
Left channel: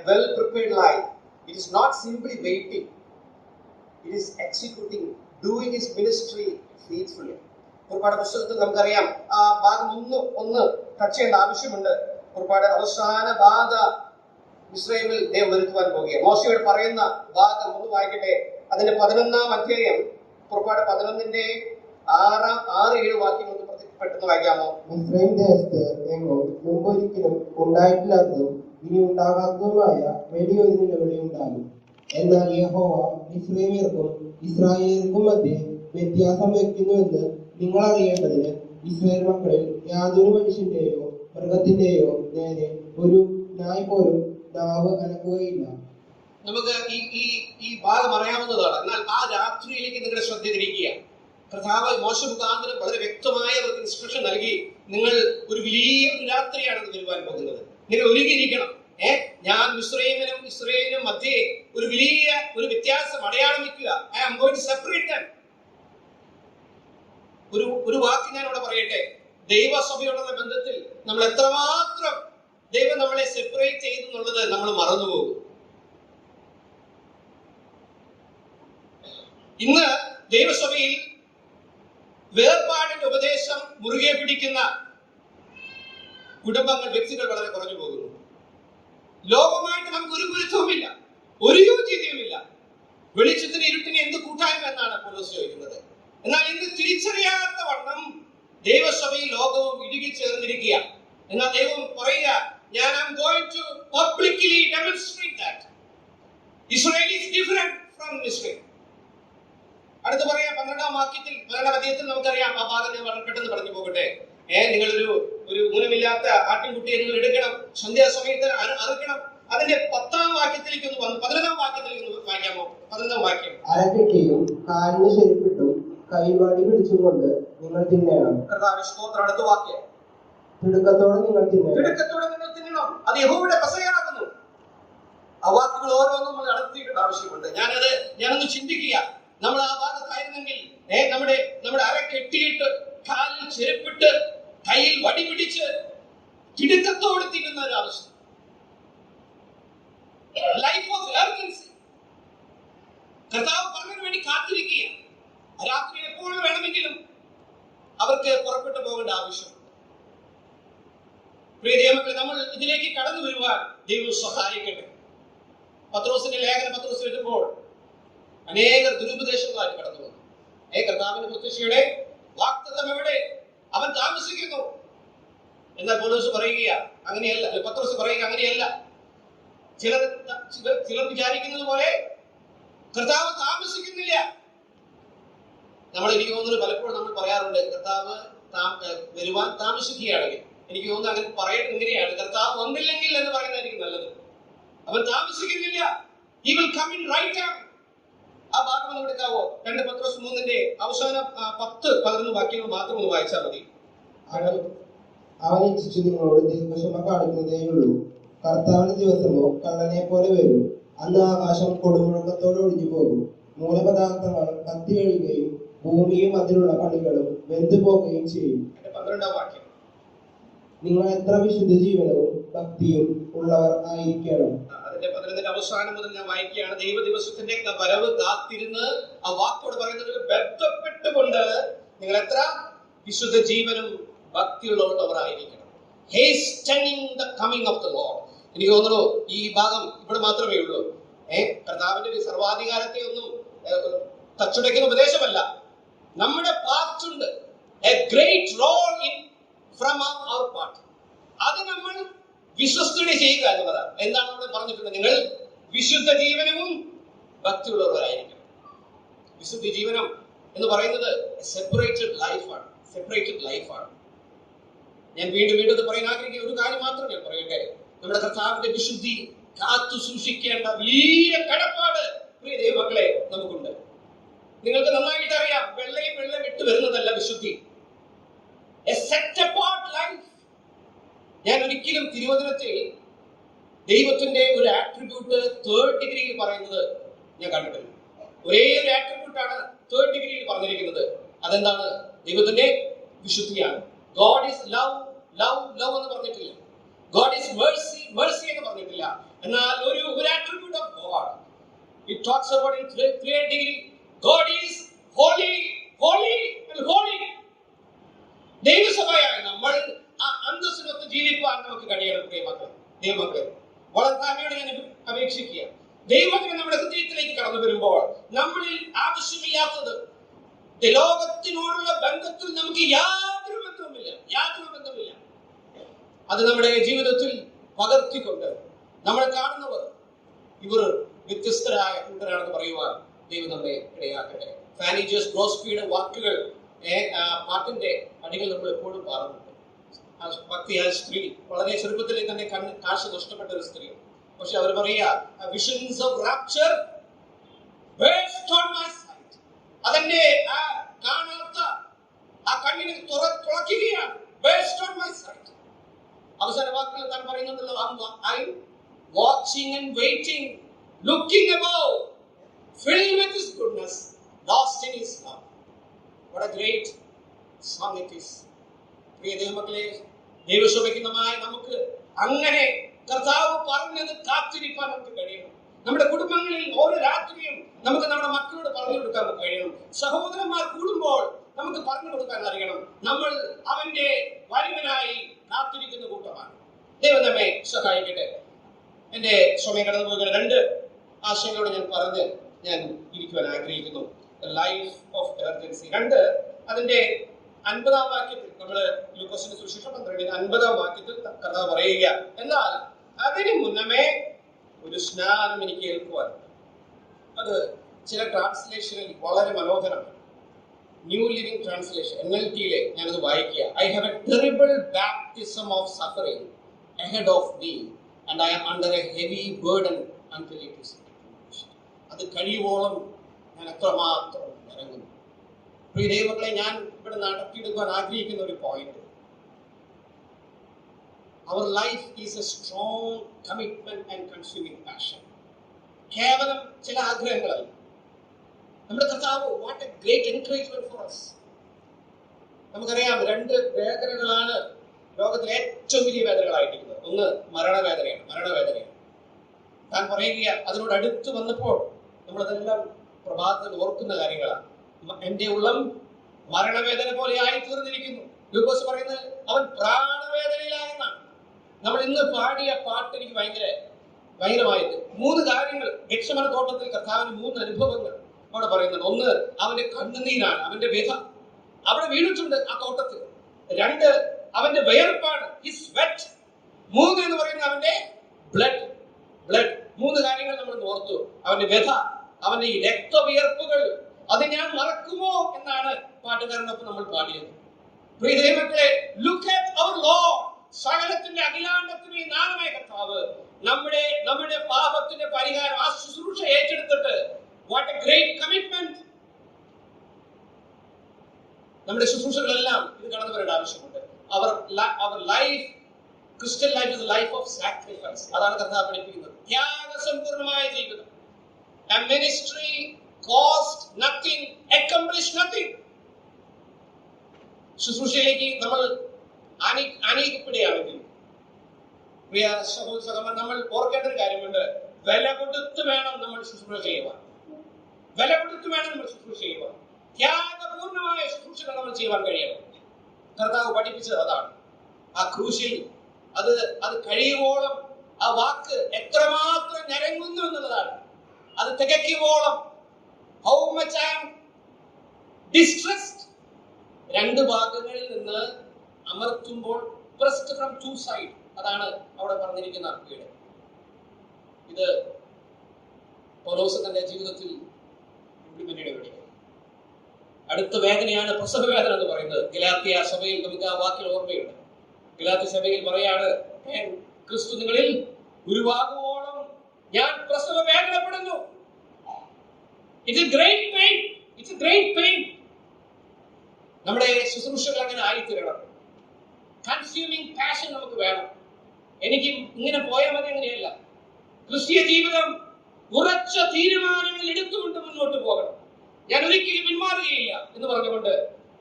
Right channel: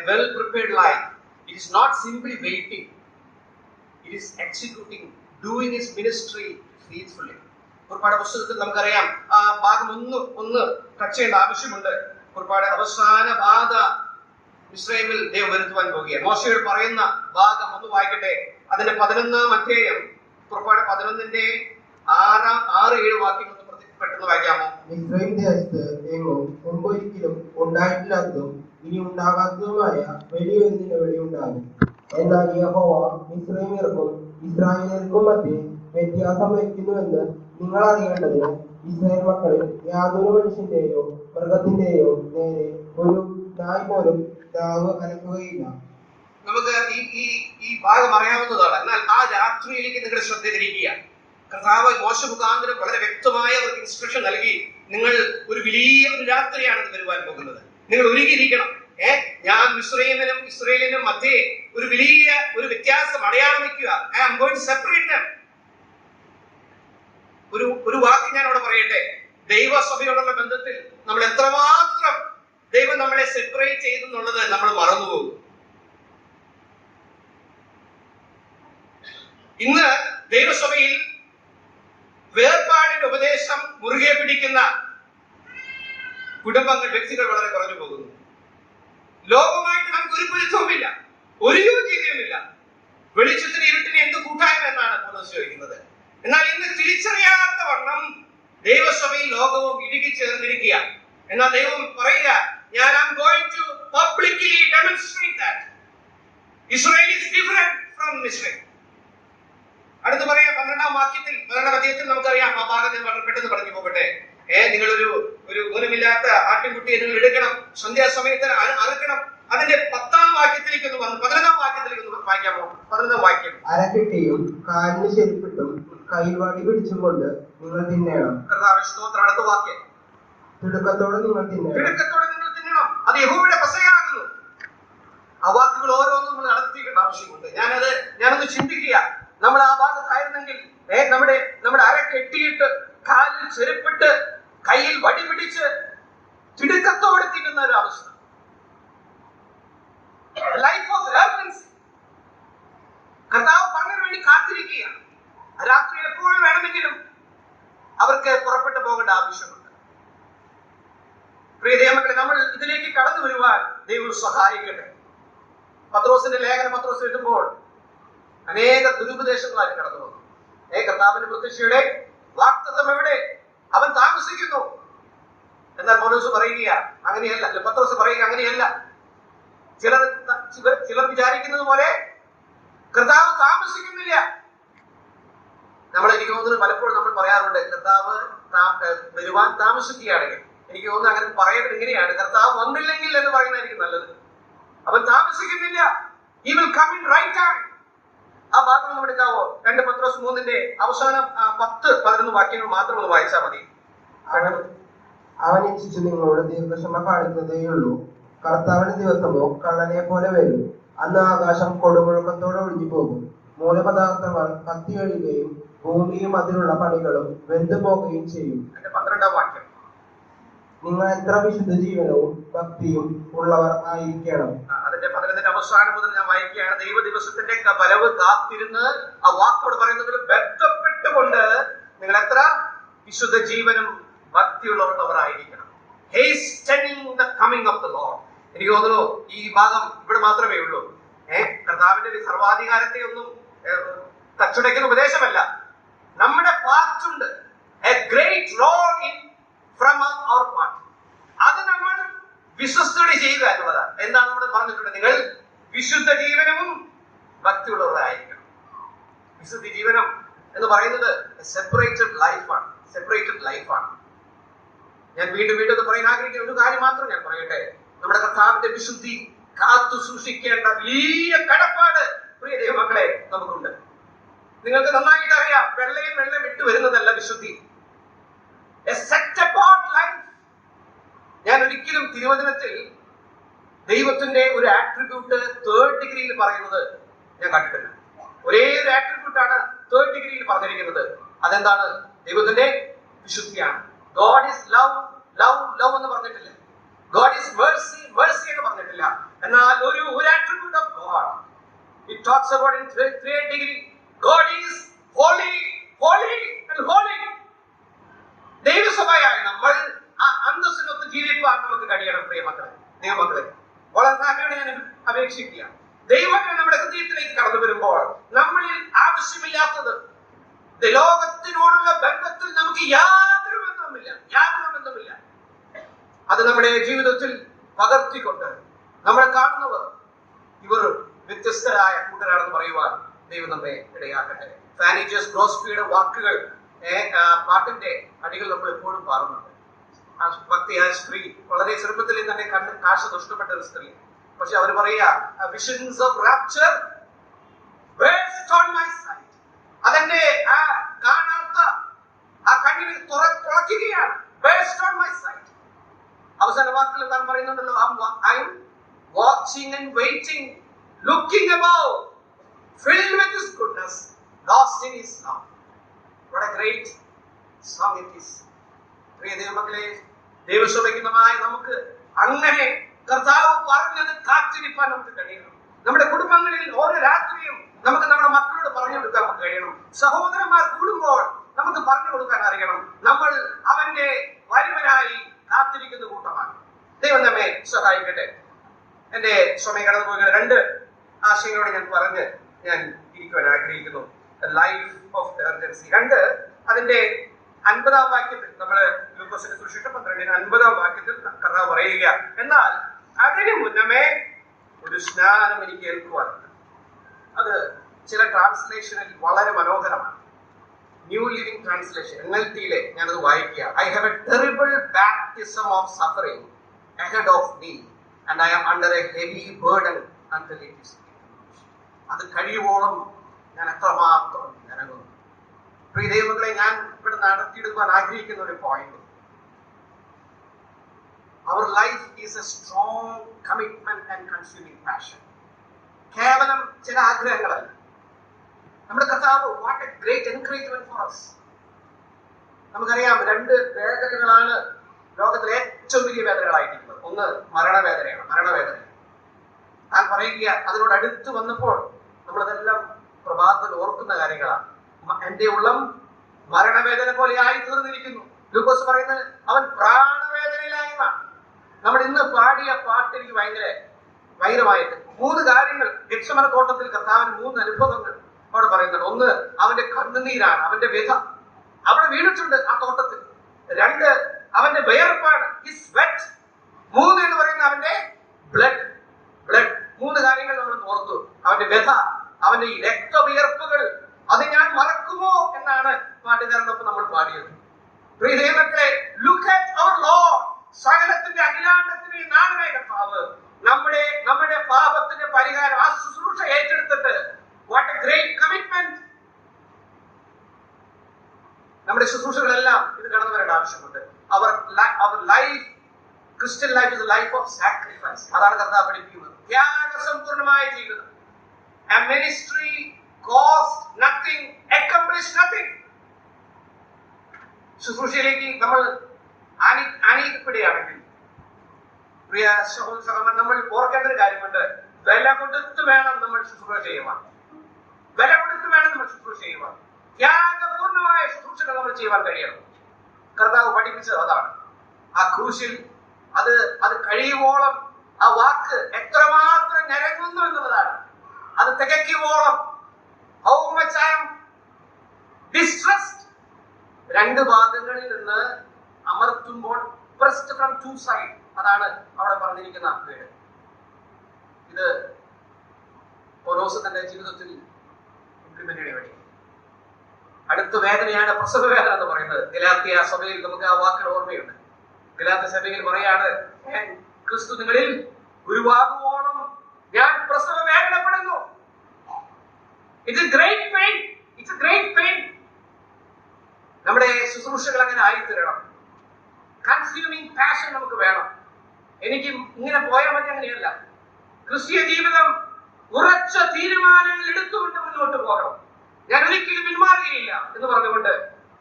Well prepared life, it is not simply waiting, it is executing, doing his ministry faithfully. പുറപ്പാട് പുസ്തകത്തിൽ നമുക്കറിയാം ആ ഭാഗം ഒന്ന് ടച്ച് ചെയ്യേണ്ട ആവശ്യമുണ്ട്. പുറപ്പാട് അവസാന ബാധ ഇസ്രായേലിൽ ദൈവം വരുത്തുവാൻ പോകുകയാണ്. മോശയോട് പറയുന്ന ഭാഗം ഒന്ന് വായിക്കട്ടെ. അതിന്റെ 11-ാം അധ്യായം, പുറപ്പാട് 11:6-7 വാക്യങ്ങൾ പെട്ടെന്ന് വായിക്കാമോ? മിസ്രയീം ദേശത്ത് എങ്ങും മുമ്പൊരിക്കലും ഉണ്ടായിട്ടില്ലാത്തതും ഇനി ഉണ്ടാകാത്തതുമായ വലിയൊരു നിലവിളി ഉണ്ടാകും. എന്നാൽ യഹോവ മിസ്രയീമ്യർക്കും ഇസ്രായേലിയർക്കും മധ്യേ വ്യത്യാസം വയ്ക്കുന്നുവെന്ന് നിങ്ങൾ അറിയേണ്ടതിന് ഇസ്രായേൽ മക്കളിൽ യാതൊരു മനുഷ്യന്റെയോ മൃഗത്തിന്റെയോ നേരെ ഒരു നായ് പോലും നാവ് അനക്കുകയില്ല. നമുക്ക് ഈ ഭാഗം അറിയാവുന്നതാണ്. എന്നാൽ ആ രാത്രിയിലേക്ക് നിങ്ങളുടെ ശ്രദ്ധ തിരിക്കുക. കർത്താവ് മോശ മുഖാന്തരം വളരെ വ്യക്തമായ ഒരു ഇൻസ്ട്രക്ഷൻ നൽകി. നിങ്ങൾ ഒരു വലിയ ഒരു രാത്രിയാണ് ഇത് വരുവാൻ പോകുന്നത്. നിങ്ങൾ ഒരുങ്ങിയിരിക്കണം. ഞാൻ മിസ്രയീമിനും ഇസ്രായേലിനും മധ്യേ ഒരു വലിയ ഒരു വ്യത്യാസം അടയാളം വയ്ക്കുക. I am going to separate them. ഒരു വാക്ക് ഞാൻ അവിടെ പറയട്ടെ. ദൈവസഭയോടുള്ള ബന്ധത്തിൽ നമ്മൾ എത്രമാത്രം ദൈവം നമ്മളെ സെപ്പറേറ്റ് ചെയ്തെന്നുള്ളത് നമ്മൾ മറന്നുപോകും. ഇന്ന് ദൈവസഭയിൽ വേർപാടിന്റെ ഉപദേശം മുറുകെ പിടിക്കുന്ന കുടുംബങ്ങൾ, വ്യക്തികൾ വളരെ കുറഞ്ഞു പോകുന്നു. ലോകമായിട്ട് നമുക്ക് ഒരു പൊരുത്തവുമില്ല, ഒരു യോഗ്യതയുമില്ല. വെളിച്ചത്തിന് ഇരുട്ടിന് എന്ത് കൂട്ടായ്മ എന്നാണ് പൗലോസ് ചോദിക്കുന്നത്. എന്നാൽ ഇന്ന് തിരിച്ചറിയാത്ത വണ്ണം ദൈവസഭയും ലോകവും ഇടുക്കി ചേർന്നിരിക്കുക. എന്നാൽ ദൈവം പറയുക, ഞാൻ am going to publicly demonstrate that Israel is different from Israel. അടുത്ത് പറയാം 12ാം അധ്യായത്തിൽ നമുക്കറിയാം. ആ ഭാഗം ഞാൻ വളരെ പെട്ടെന്ന് പറഞ്ഞു പോകട്ടെ. നിങ്ങൾ ഒരു ഊനമില്ലാത്ത ആട്ടിൻകുട്ടിയെ നിങ്ങൾ എടുക്കണം, സന്ധ്യാസമയത്ത് അറുക്കണം. അതിന്റെ 10ാം വാക്യത്തിലേക്ക് ഒന്ന് വന്ന് 11ാം വാക്യത്തിലേക്ക് ഒന്ന് വായിക്കാമോ? 11ാം വാക്യം. അരക്കെട്ടിയും കാലിന് ചെരുപ്പിട്ടും കയ്യിൽ വടി പിടിച്ചുകൊണ്ട് നിങ്ങൾ തിന്നണം. കർത്താവേ സ്തോത്രം. അടുത്ത വാക്യം. തിടുക്കത്തോടെ നിങ്ങൾ തിന്നണം. അത് യഹോവയുടെ പെസഹയാകുന്നു. ആ വാക്കുകൾ ഓരോന്നും നമ്മൾ നടത്തിക്കേണ്ട ആവശ്യമുണ്ട്. ഞാനൊന്ന് ചിന്തിക്കുക. നമ്മൾ ആ ഭാഗത്തായിരുന്നെങ്കിൽ നമ്മുടെ അര കെട്ടിയിട്ട് കാലിൽ ചെരുപ്പിട്ട് കയ്യിൽ വടി പിടിച്ച് തിടുക്കത്തോടെ തിന്നുന്ന ഒരു അവസ്ഥ. Life of emergency. കർത്താവ് പറഞ്ഞതിന് വേണ്ടി കാത്തിരിക്കുക. രാത്രി എപ്പോൾ വേണമെങ്കിലും അവർക്ക് പുറപ്പെട്ടു പോകേണ്ട ആവശ്യമുണ്ട്. പ്രിയ ദൈവമക്കളെ, നമ്മൾ ഇതിലേക്ക് കടന്നു വരുവാൻ ദൈവം സഹായിക്കട്ടെ. പത്രോസിന്റെ ലേഖനം പത്രോസ് എഴുതുമ്പോൾ അനേക ദുരുപദേശങ്ങളായിട്ട് കടന്നു വന്നു. കർത്താവിന്റെ പ്രത്യക്ഷയുടെ വാഗ്ദത്തം എവിടെ? അവൻ താമസിക്കുന്നു. എന്നാൽ പൗലോസ് പറയുക അങ്ങനെയല്ല, പത്രോസ് പറയുക അങ്ങനെയല്ല. ചിലർ വിചാരിക്കുന്നത് പോലെ കർത്താവ് താമസിക്കുന്നില്ല. എനിക്ക് തോന്നുന്നു പലപ്പോഴും നമ്മൾ പറയാറുണ്ട്, കർത്താവ് വരുവാൻ താമസിക്കുകയാണെങ്കിൽ. എനിക്ക് തോന്നുന്നു അങ്ങനെ പറയുന്നത് ഇങ്ങനെയാണ്, കർത്താവ് വന്നില്ലെങ്കിൽ എന്ന് പറയുന്നതായിരിക്കും നല്ലത്. അവൻ താമസിക്കുന്നില്ല. He will come in right time. ആ ഭാഗം നമ്മൾ എടുക്കാവോ? 2 പത്രോസ് 3 അവസാനം 10-11 വാക്യങ്ങൾ മാത്രം ഒന്ന് വായിച്ചാൽ മതി. അവൻ ഇച്ഛിച്ചു നിങ്ങളോട് ദീർഘക്ഷമ കാണിക്കുന്നതേയുള്ളൂ. കർത്താവിന്റെ ദിവസമോ കള്ളനെ പോലെ വരും. അന്ന് ആകാശം കൊടുമുഴക്കത്തോടെ ഒഴിഞ്ഞു പോകും. മൂലപദാർത്ഥങ്ങൾ കത്തി കഴിയുകയും ഭൂമിയും അതിലുള്ള പണികളും വെന്തു പോകുകയും ചെയ്യും. 12ാം വാക്യം. നിങ്ങൾ എത്ര വിശുദ്ധ ജീവനവും ഭക്തിയും ഉള്ളവർ ആയിരിക്കണം. അതിന്റെ 11ന്റെ അവസാനം മുതൽ ഞാൻ വായിക്കുകയാണ്. ദൈവ ദിവസത്തിന്റെ വരവ് കാത്തിരുന്ന് ആ വാക്കോട് പറയുന്നത് ബന്ധപ്പെട്ടുകൊണ്ട് നിങ്ങൾ എത്ര വിശുദ്ധ ജീവനും ഭക്തിയുള്ളവരായിരിക്കണം. Hastening the coming of the Lord. എനിക്ക് തോന്നുന്നു ഈ ഭാഗം ഇവിടെ മാത്രമേ ഉള്ളൂ. കർത്താവിന്റെ സർവാധികാരത്തെ ഒന്നും തച്ചുടയ്ക്കുന്ന ഉപദേശമല്ല. നമ്മുടെ പാർട്ടുണ്ട്. A great role in from our part. അത് നമ്മൾ വിശ്വസ്തയോടെ ചെയ്യുക എന്നുള്ളതാണ്. എന്താണ് നമ്മൾ പറഞ്ഞിട്ടുള്ളത്? നിങ്ങൾ വിശുദ്ധ ജീവനവും ഭക്തിയുള്ളവരായിരിക്കണം. വിശുദ്ധ ജീവനം എന്ന് പറയുന്നത് സെപ്പറേറ്റഡ് ലൈഫാണ്. ഞാൻ വീണ്ടും പറയാൻ ആഗ്രഹിക്കുന്ന ഒരു കാര്യം മാത്രം ഞാൻ പറയട്ടെ. നമ്മുടെ കർത്താവിന്റെ വിശുദ്ധി കാത്തു സൂക്ഷിക്കേണ്ട വലിയ കടപ്പാട് പ്രിയ ദൈവമക്കളെ നമുക്കുണ്ട്. നിങ്ങൾക്ക് നന്നായിട്ട് അറിയാം, വെള്ളം വിട്ടു വരുന്നതല്ല വിശുദ്ധി. A set apart life. ഞാൻ ഒരിക്കലും തിരുവചനത്തിൽ ദൈവത്തിന്റെ ഒരു ആട്രിബ്യൂട്ട് 3rd ഡിഗ്രിയിൽ പറയുന്നത് ഞാൻ കണ്ടിട്ടില്ല. ഒരേ ഒരു ആട്രിബ്യൂട്ടാണ് 3rd ഡിഗ്രിയിൽ പറഞ്ഞിരിക്കുന്നത്. അതെന്താണ്? ദൈവത്തിന്റെ വിശുദ്ധിയാണ്. God is love എന്ന് പറഞ്ഞിട്ടില്ല. God is mercy എന്ന് പറഞ്ഞിട്ടില്ല. എന്നാൽ ഒരു attribute of God it talks about in 3rd degree. God is holy and holy. ദൈവസഭയായ നമ്മൾ ആ അന്തസ്സിനൊത്ത് ജീവിക്കാൻ നമുക്ക് കഴിയണം. ദൈവമക്കളെ വളരെ താഴ്മയോടെ ഞാൻ അപേക്ഷിക്കുക. ദൈവത്തിന് നമ്മുടെ ഹൃദയത്തിലേക്ക് കടന്നു വരുമ്പോൾ നമ്മളിൽ ആവശ്യമില്ലാത്തത് ലോകത്തിനോടുള്ള ബന്ധത്തിൽ നമുക്ക് യാതൊരു ബന്ധവുമില്ല. അത് നമ്മുടെ ജീവിതത്തിൽ പകർത്തിക്കൊണ്ട് നമ്മളെ കാണുന്നവർ ഇവർ വ്യത്യസ്തരായ കൂട്ടരാണെന്ന് പറയുവാൻ ദൈവം നമ്മെ ഇടയാക്കട്ടെ. ഫാനി ജോസ് ഗ്രോസ്ബിയുടെ വാക്കുകൾ പാട്ടിന്റെ അടികൾ നമ്മൾ എപ്പോഴും പാടുന്നുണ്ട്. ഭക്തിയായ സ്ത്രീ വളരെ ചെറുപ്പത്തിലെ തന്നെ കാഴ്ച നഷ്ടപ്പെട്ട ഒരു സ്ത്രീ. പക്ഷെ അവർ പറയാ, visions of rapture burst on my sight. അതെന്നെ കാണാത്ത ആ കണ്ണിനെ തുറക്കുകയാണ്. burst on my sight. അവസാന വാക്കുകൾ താൻ പറയുന്നുണ്ടല്ലോ, I am watching and waiting, looking above, filled with His goodness, lost in His love. What a great song it is. പ്രിയ ദൈവമക്കളെ, ദൈവസഭയ്ക്കുമായി നമുക്ക് അങ്ങനെ കർത്താവ് പറഞ്ഞത് കാത്തിരിക്കാൻ നമുക്ക് കഴിയണം. നമ്മുടെ കുടുംബങ്ങളിൽ ഓരോ രാത്രിയും നമുക്ക് നമ്മുടെ മക്കളോട് പറഞ്ഞു കൊടുക്കാൻ നമുക്ക് കഴിയണം. സഹോദരന്മാർ കൂടുമ്പോൾ നമുക്ക് പറഞ്ഞു കൊടുക്കാൻ അറിയണം. നമ്മൾ അവന്റെ വരവിനായി കാത്തിരിക്കുന്ന കൂട്ടമാണ്. ദൈവം നമ്മെ സഹായിക്കട്ടെ. എന്റെ സമയം കടന്നു പോകുന്ന 2 ആശയങ്ങളോട് ഞാൻ ഇരിക്കുവാൻ ആഗ്രഹിക്കുന്നു. Life of emergency. 2 അതിന്റെ 50-ാം വാക്യത്തിൽ നമ്മള് ലൂക്കോസിന്റെ സുവിശേഷം 12-ന്റെ 50-ാം വാക്യത്തിൽ കർത്താവ് പറയുക, എന്നാൽ അതിനു മുന്നമേ ഒരു സ്നാനം എനിക്ക് ഏൽക്കുവാനുണ്ട്. അത് ചില ട്രാൻസ്ലേഷനിൽ വളരെ മനോഹരമാണ്. ന്യൂ ലിവിംഗ് ട്രാൻസ്ലേഷൻ NLT-യിലെ ഞാനത് വായിക്കുക. I have A terrible baptism of suffering ahead of me and I am under a heavy burden until it is accomplished. അത് കഴിയുവോളം ഞാൻ എത്രമാത്രം ഇറങ്ങുന്നു. പ്രിയ ദൈവങ്ങളെ, ഞാൻ ഇവിടെ നടത്തിയെടുക്കാൻ ആഗ്രഹിക്കുന്ന ഒരു point, our life is a strong commitment and consuming passion. കേവലം ചില ആഗ്രഹങ്ങളല്ല. നമ്മുടെ കർത്താവ് what a great encouragement for us. നമുക്കറിയാം, 2 വേദനകളാണ് ലോകത്തിലെ ഏറ്റവും വലിയ വേദനകളായിട്ടിരിക്കുന്നത്. ഒന്ന് മരണവേദനയാണ്. താൻ പറയുക, അതിനോട് അടുത്ത് വന്നപ്പോൾ നമ്മളതെല്ലാം പ്രഭാതത്തിൽ ഓർക്കുന്ന കാര്യങ്ങളാണ്. എന്റെ ഉള്ളം മരണവേദന പോലെ ആയി തീർന്നിരിക്കുന്നു. ലൂക്കോസ് പറയുന്നത് അവൻ പ്രാണവേദനയിലായെന്നാണ്. നമ്മൾ ഇന്ന് പാടിയ പാട്ട് എനിക്ക് ഭയങ്കരമായിട്ട് 3 കാര്യങ്ങൾ. ഗെത്സമന തോട്ടത്തിൽ കർത്താവിന് 3 അനുഭവങ്ങൾ അവിടെ പറയുന്നുണ്ട്. ഒന്ന്, അവന്റെ കണ്ണുനീരാണ്, അവന്റെ വ്യഥ അവിടെ വീണിട്ടുണ്ട് ആ തോട്ടത്തിൽ. 2, അവന്റെ വിയർപ്പാണ്, ഹിസ് സ്വെറ്റ്. 3 എന്ന് പറയുന്നത് അവന്റെ ബ്ലഡ്. 3 കാര്യങ്ങൾ നമ്മൾ ഓർത്തു. അവന്റെ വ്യഥ, അവന്റെ ഈ രക്തവിയർപ്പുകൾ, അത് ഞാൻ മറക്കുമോ എന്നാണ് പാട്ടുകാരനൊപ്പം നമ്മൾ പാടിയത്. പ്രിയ ദൈവമക്കളെ, ലുക്ക് അറ്റ് അവർ ലോർഡ്. സകലത്തിന്റെ അഖിലാണ്ടത്തിന്റെ നാമമായ കർത്താവ് നമ്മുടെ പാപത്തിന്റെ പരിഹാരം, ആ ശുശ്രൂഷ ഏറ്റെടുത്തിട്ട് വാട്ട് എ ഗ്രേറ്റ് കമ്മിറ്റ്മെന്റ്. നമ്മുടെ ശുശ്രൂഷകളെല്ലാം ഇത് കടന്നു വരേണ്ട ആവശ്യമുണ്ട്. Our life, Christian life is a life of sacrifice. അതാണ് കർത്താവ് പഠിപ്പിക്കുന്നത്. ത്യാഗസമ്പൂർണമായ ജീവിതം. A ministry cost nothing, accomplish nothing. ശുശ്രൂഷയിലേക്ക് നമ്മൾ അനീതിപ്പെടുകയാണെങ്കിൽ, പ്രിയ സഹോദരന്മാർ, നമ്മൾ ഓർക്കേണ്ട ഒരു കാര്യമുണ്ട്. വില കൊടുത്ത് വേണം നമ്മൾ ശുശ്രൂഷ ചെയ്യുവാൻ. ത്യാഗപൂർണമായ ശുശ്രൂഷകൾ നമ്മൾ ചെയ്യുവാൻ കഴിയണം. കർത്താവ് പഠിപ്പിച്ചത് അതാണ്. ആ ക്രൂശിൽ അത് കഴിയുവോളം ആ വാക്ക് എത്രമാത്രം ഞരങ്ങുന്നു എന്നുള്ളതാണ്. അത് തികയ്ക്കുവോളം how much I am distressed. 2 ഭാഗങ്ങളിൽ നിന്ന് അമർത്തുമ്പോൾ pressed from 2 sides. അതാണ് അവിടെ പറഞ്ഞിരിക്കുന്ന വീട്. ഇത് പൗലോസ് തന്റെ ജീവിതത്തിൽ ഇംപ്ലിമെന്റ് ചെയ്യേണ്ടി വരും. അടുത്ത വേദനയാണ് പ്രസവ വേദന എന്ന് പറയുന്നത്. ഗലാത്യ സഭയിൽ നമുക്ക് ആ വാക്കുകൾ ഓർമ്മയുണ്ട്. ഗലാത്യ സഭയിൽ പറയാണ്, ക്രിസ്തു നിങ്ങളിൽ ഗുരുവാകുവോളം ഞാൻ പ്രസവ വേദനപ്പെടുന്നു. It's a great pain. നമ്മുടെ ശുശ്രൂഷകൾ അങ്ങനെ ആയിത്തീരണം. കൺസ്യൂമിംഗ് പാഷൻ നമുക്ക് വേണം. എനിക്ക് ഇങ്ങനെ പോയാൽ മതി, അങ്ങനെയല്ല. ക്രിസ്തീയ ജീവിതം ഉറച്ച തീരുമാനങ്ങൾ എടുത്തുകൊണ്ട് മുന്നോട്ട് പോകണം. ഞാൻ ഒരിക്കലും പിന്മാറുകയില്ല എന്ന് പറഞ്ഞുകൊണ്ട്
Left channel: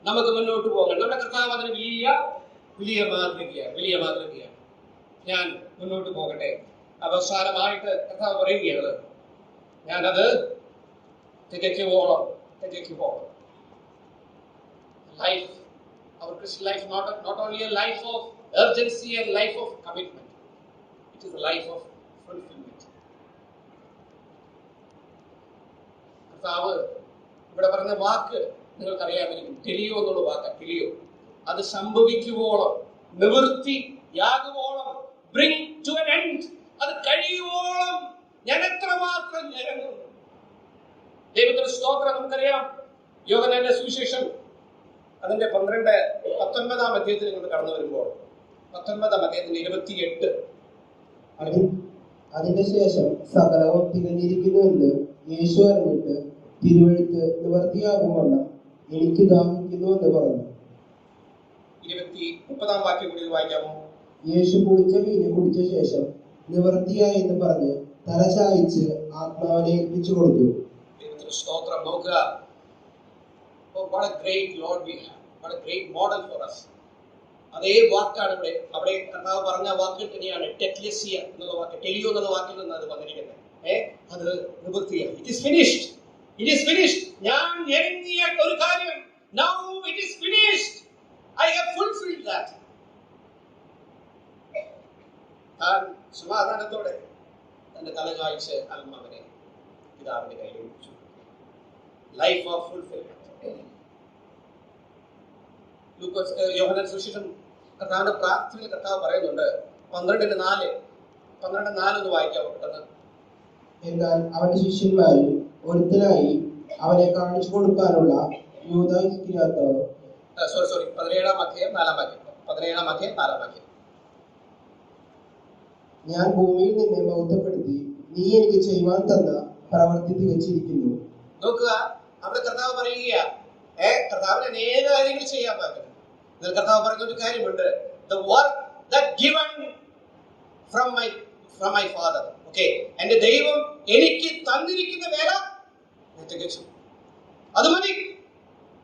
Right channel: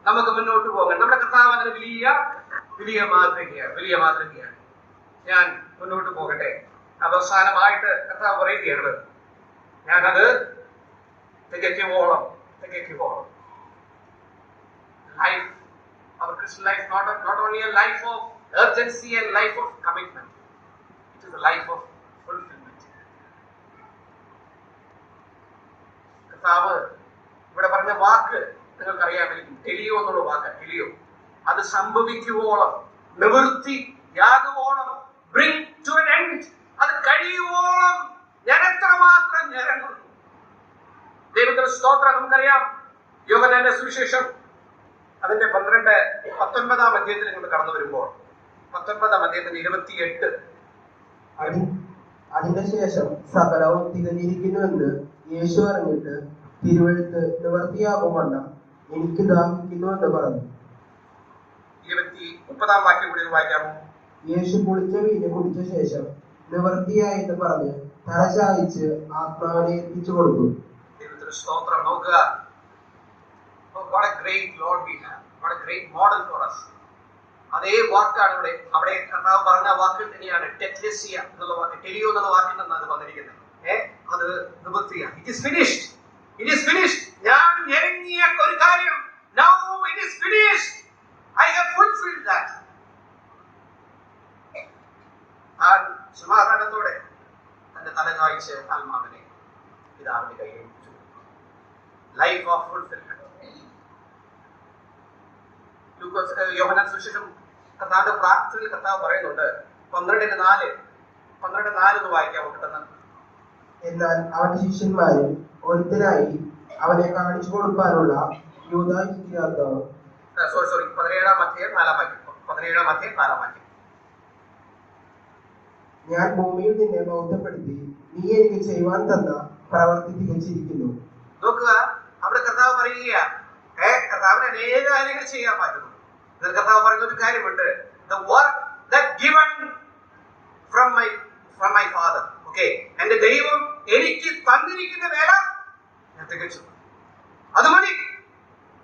നമുക്ക് മുന്നോട്ട് പോകണം. നമ്മുടെ കർത്താവ് അതിന് വലിയ മാതൃകയാണ്. ഞാൻ മുന്നോട്ട് പോകട്ടെ. അവസാനമായിട്ട് കർത്താവ് പറയുകയാണ്, ഞാനത് തികയ്ക്കുവോളം. Life, our Christian life, not only a life of urgency and life of commitment, it is a life of fulfillment. കർത്താവ് ഇവിടെ പറഞ്ഞ വാക്ക് നിങ്ങൾക്കറിയാമായിരിക്കും. ടെലിയോ എന്നുള്ള വാക്ക്. ടെലിയോ, അത് സംഭവിക്കുവോളം, നിവൃത്തിയാകുവോളം, bring to an end, അത് കഴിയുവോളം ഞാൻ എത്രമാത്രം ഞരങ്ങുന്നു. ദൈവത്തിന്റെ സ്തോത്രം. നമുക്കറിയാം, യോഹന്നാന്റെ സുവിശേഷം അതിന്റെ 19-ാം അധ്യായത്തിൽ നിങ്ങൾ കടന്നു വരുമ്പോൾ 19-ാം അധ്യായത്തിന്റെ 28. അതിന്റെ ശേഷം സകലവും തികഞ്ഞിരിക്കുന്നുവെന്ന് യേശു അറിഞ്ഞിട്ട് തിരുവെഴുത്ത് നിവർത്തിയാകും വണ്ണം എനിക്ക് ദാഹിക്കുന്നു എന്ന് പറഞ്ഞു. 30-ാം വാക്യം കൂടി വായിക്കാമോ? യേശു കുടിച്ച വീഞ്ഞ് കുടിച്ച ശേഷം നിവർത്തിയായി എന്ന് പറഞ്ഞ് തല ചായ്ച്ച് ആത്മാവിനെ ഏൽപ്പിച്ചു കൊടുത്തു. ദൈവത്തിന്റെ സ്തോത്രം. നോക്കുക, what a great Lord we have, what a great model for us. അതേ വാക്കാണ് അവിടെ കർത്താവ് പറഞ്ഞ വാക്ക് തന്നെയാണ് ടെക്ലെസിയ എന്നുള്ള വാക്ക്. ടെലിയോ എന്നുള്ള വാക്കിൽ നിന്ന് അത് വന്നിരിക്കുന്നത്. അത് നിവൃത്തിയാണ്. It is finished. ഞാൻ ഞെരുങ്ങിയ ഒരു കാര്യം, now it is finished. I have fulfilled that. താൻ സമാധാനത്തോടെ തന്റെ തല കാഴ്ച ആത്മാവിനെ പിതാവിന്റെ കയ്യിൽ വെച്ചു. Life of fulfilment. യോഹന്നാൻ സുവിശേഷം കർത്താവിന്റെ പ്രാർത്ഥനയിൽ കർത്താവ് പറയുന്നുണ്ട് 12:4 ഒന്ന് വായിക്കാമോ കിട്ടുന്നത്? എന്നാൽ അവന്റെ ശിഷ്യന്മാരിൽ ഒരുത്തനായി അവനെ കാണിച്ചു കൊടുക്കാനുള്ള യൂദാ ഇസ്കറിയോത്ത് 17-ാം അധ്യായം 4-ാം വാക്യം. ഞാൻ ഭൂമിയിൽ നിന്നെ ബോധ്യപ്പെടുത്തി നീ എനിക്ക് ചെയ്യുവാൻ തന്ന പ്രവൃത്തി തികച്ചിരിക്കുന്നു. നോക്കുക, അവിടെ കർത്താവ് പറയുക, കർത്താവിന് അനേക കാര്യങ്ങൾ ചെയ്യാൻ പറ്റുന്നു. എന്നാൽ കർത്താവ് പറയുന്ന ഒരു കാര്യമുണ്ട്, the work that given from my father. Okay, എന്റെ ദൈവം എനിക്ക് തന്നിരിക്കുന്ന വേല ഞാൻ തികച്ചു. അത് മതി.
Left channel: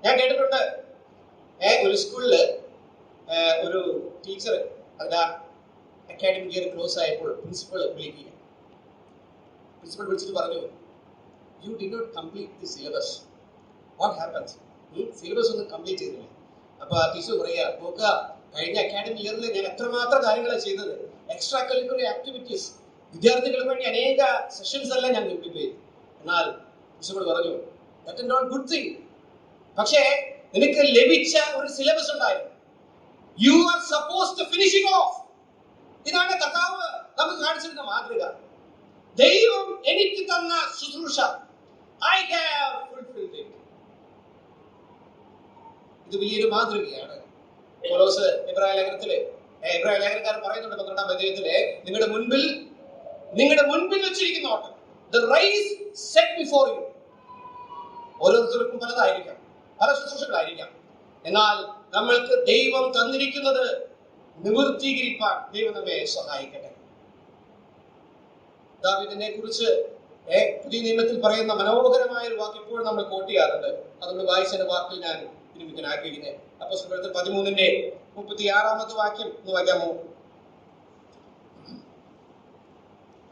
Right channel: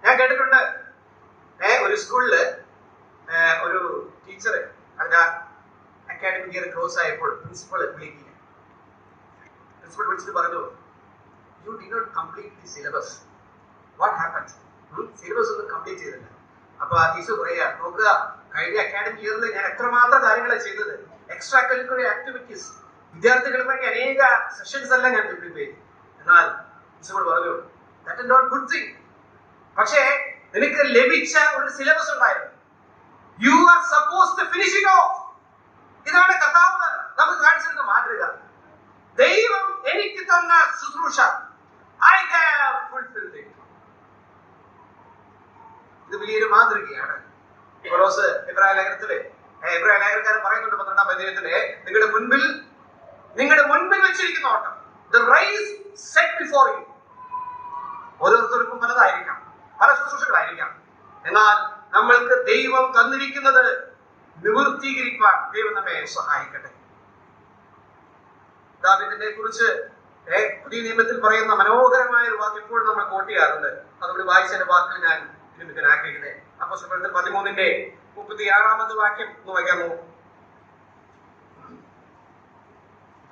ഞാൻ കേട്ടിട്ടുണ്ട്, ഒരു സ്കൂളില് ഒരു ടീച്ചർ അതിന്റെ അക്കാഡമിക് ഇയർ ക്ലോസ് ആയപ്പോൾ പ്രിൻസിപ്പൾ വിളിച്ചിട്ട് പറഞ്ഞു, you did not complete the syllabus. What happens? Syllabus ഒന്നും കംപ്ലീറ്റ് ചെയ്തില്ല. അപ്പൊ ആ ടീച്ചർ പറയാ, നോക്കുക, കഴിഞ്ഞ അക്കാഡമിക് ഇയറിൽ ഞാൻ എത്രമാത്രം കാര്യങ്ങളാണ് ചെയ്തത്. എക്സ്ട്രാ കരിക്കുലർ ആക്ടിവിറ്റീസ്, വിദ്യാർത്ഥികൾക്ക് വേണ്ടി അനേക സെഷൻസ് എല്ലാം ഞാൻ ഡെവലപ്പ് ചെയ്തു. എന്നാൽ പ്രിൻസിപ്പൾ പറഞ്ഞു, that is not good thing. പക്ഷേ നിനക്ക് ലഭിച്ച ഒരു സിലബസ് ഉണ്ടായിരുന്നു. You are suppose to finish it off. ഇതാണ് കർത്താവ് നമുക്ക് കാണിച്ചിരുന്ന മാതൃക. ദൈവം എനിക്ക് തന്ന ശുശ്രൂഷ, ഐ ഹാവ് ഫുൾഫിൽഡ് ഇറ്റ്. ഇത് വലിയൊരു മാതൃകയാണ്. പൗലോസ് എബ്രായ ലേഖനക്കാരൻ പറയുന്നുണ്ട് 12-ാം അധ്യായത്തില്, നിങ്ങളുടെ മുൻപിൽ വെച്ചിരിക്കുന്ന ഓട്ടം, the race set before you. ഓരോരുത്തർക്കും പലതായിരിക്കാം, പല ശുശ്രൂഷകളായിരിക്കാം. എന്നാൽ നമ്മൾക്ക് ദൈവം തന്നിരിക്കുന്നത് നിവൃത്തീകരിക്കാൻ ദൈവം നമ്മെ സഹായിക്കട്ടെ. ദാവീദിനെ കുറിച്ച് പുതിയ നിയമത്തിൽ പറയുന്ന മനോഹരമായ ഒരു വാക്ക് എപ്പോഴും നമ്മൾ കോട്ട് ചെയ്യാറുണ്ട്. അതുകൊണ്ട് വായിച്ചതിന്റെ വാക്കിൽ ഞാൻ വിരമിക്കാൻ ആഗ്രഹിക്കുന്നത് അപ്പോസ്തലപ്രവൃത്തി 13-ന്റെ 36 ഒന്ന് വായിക്കാമോ?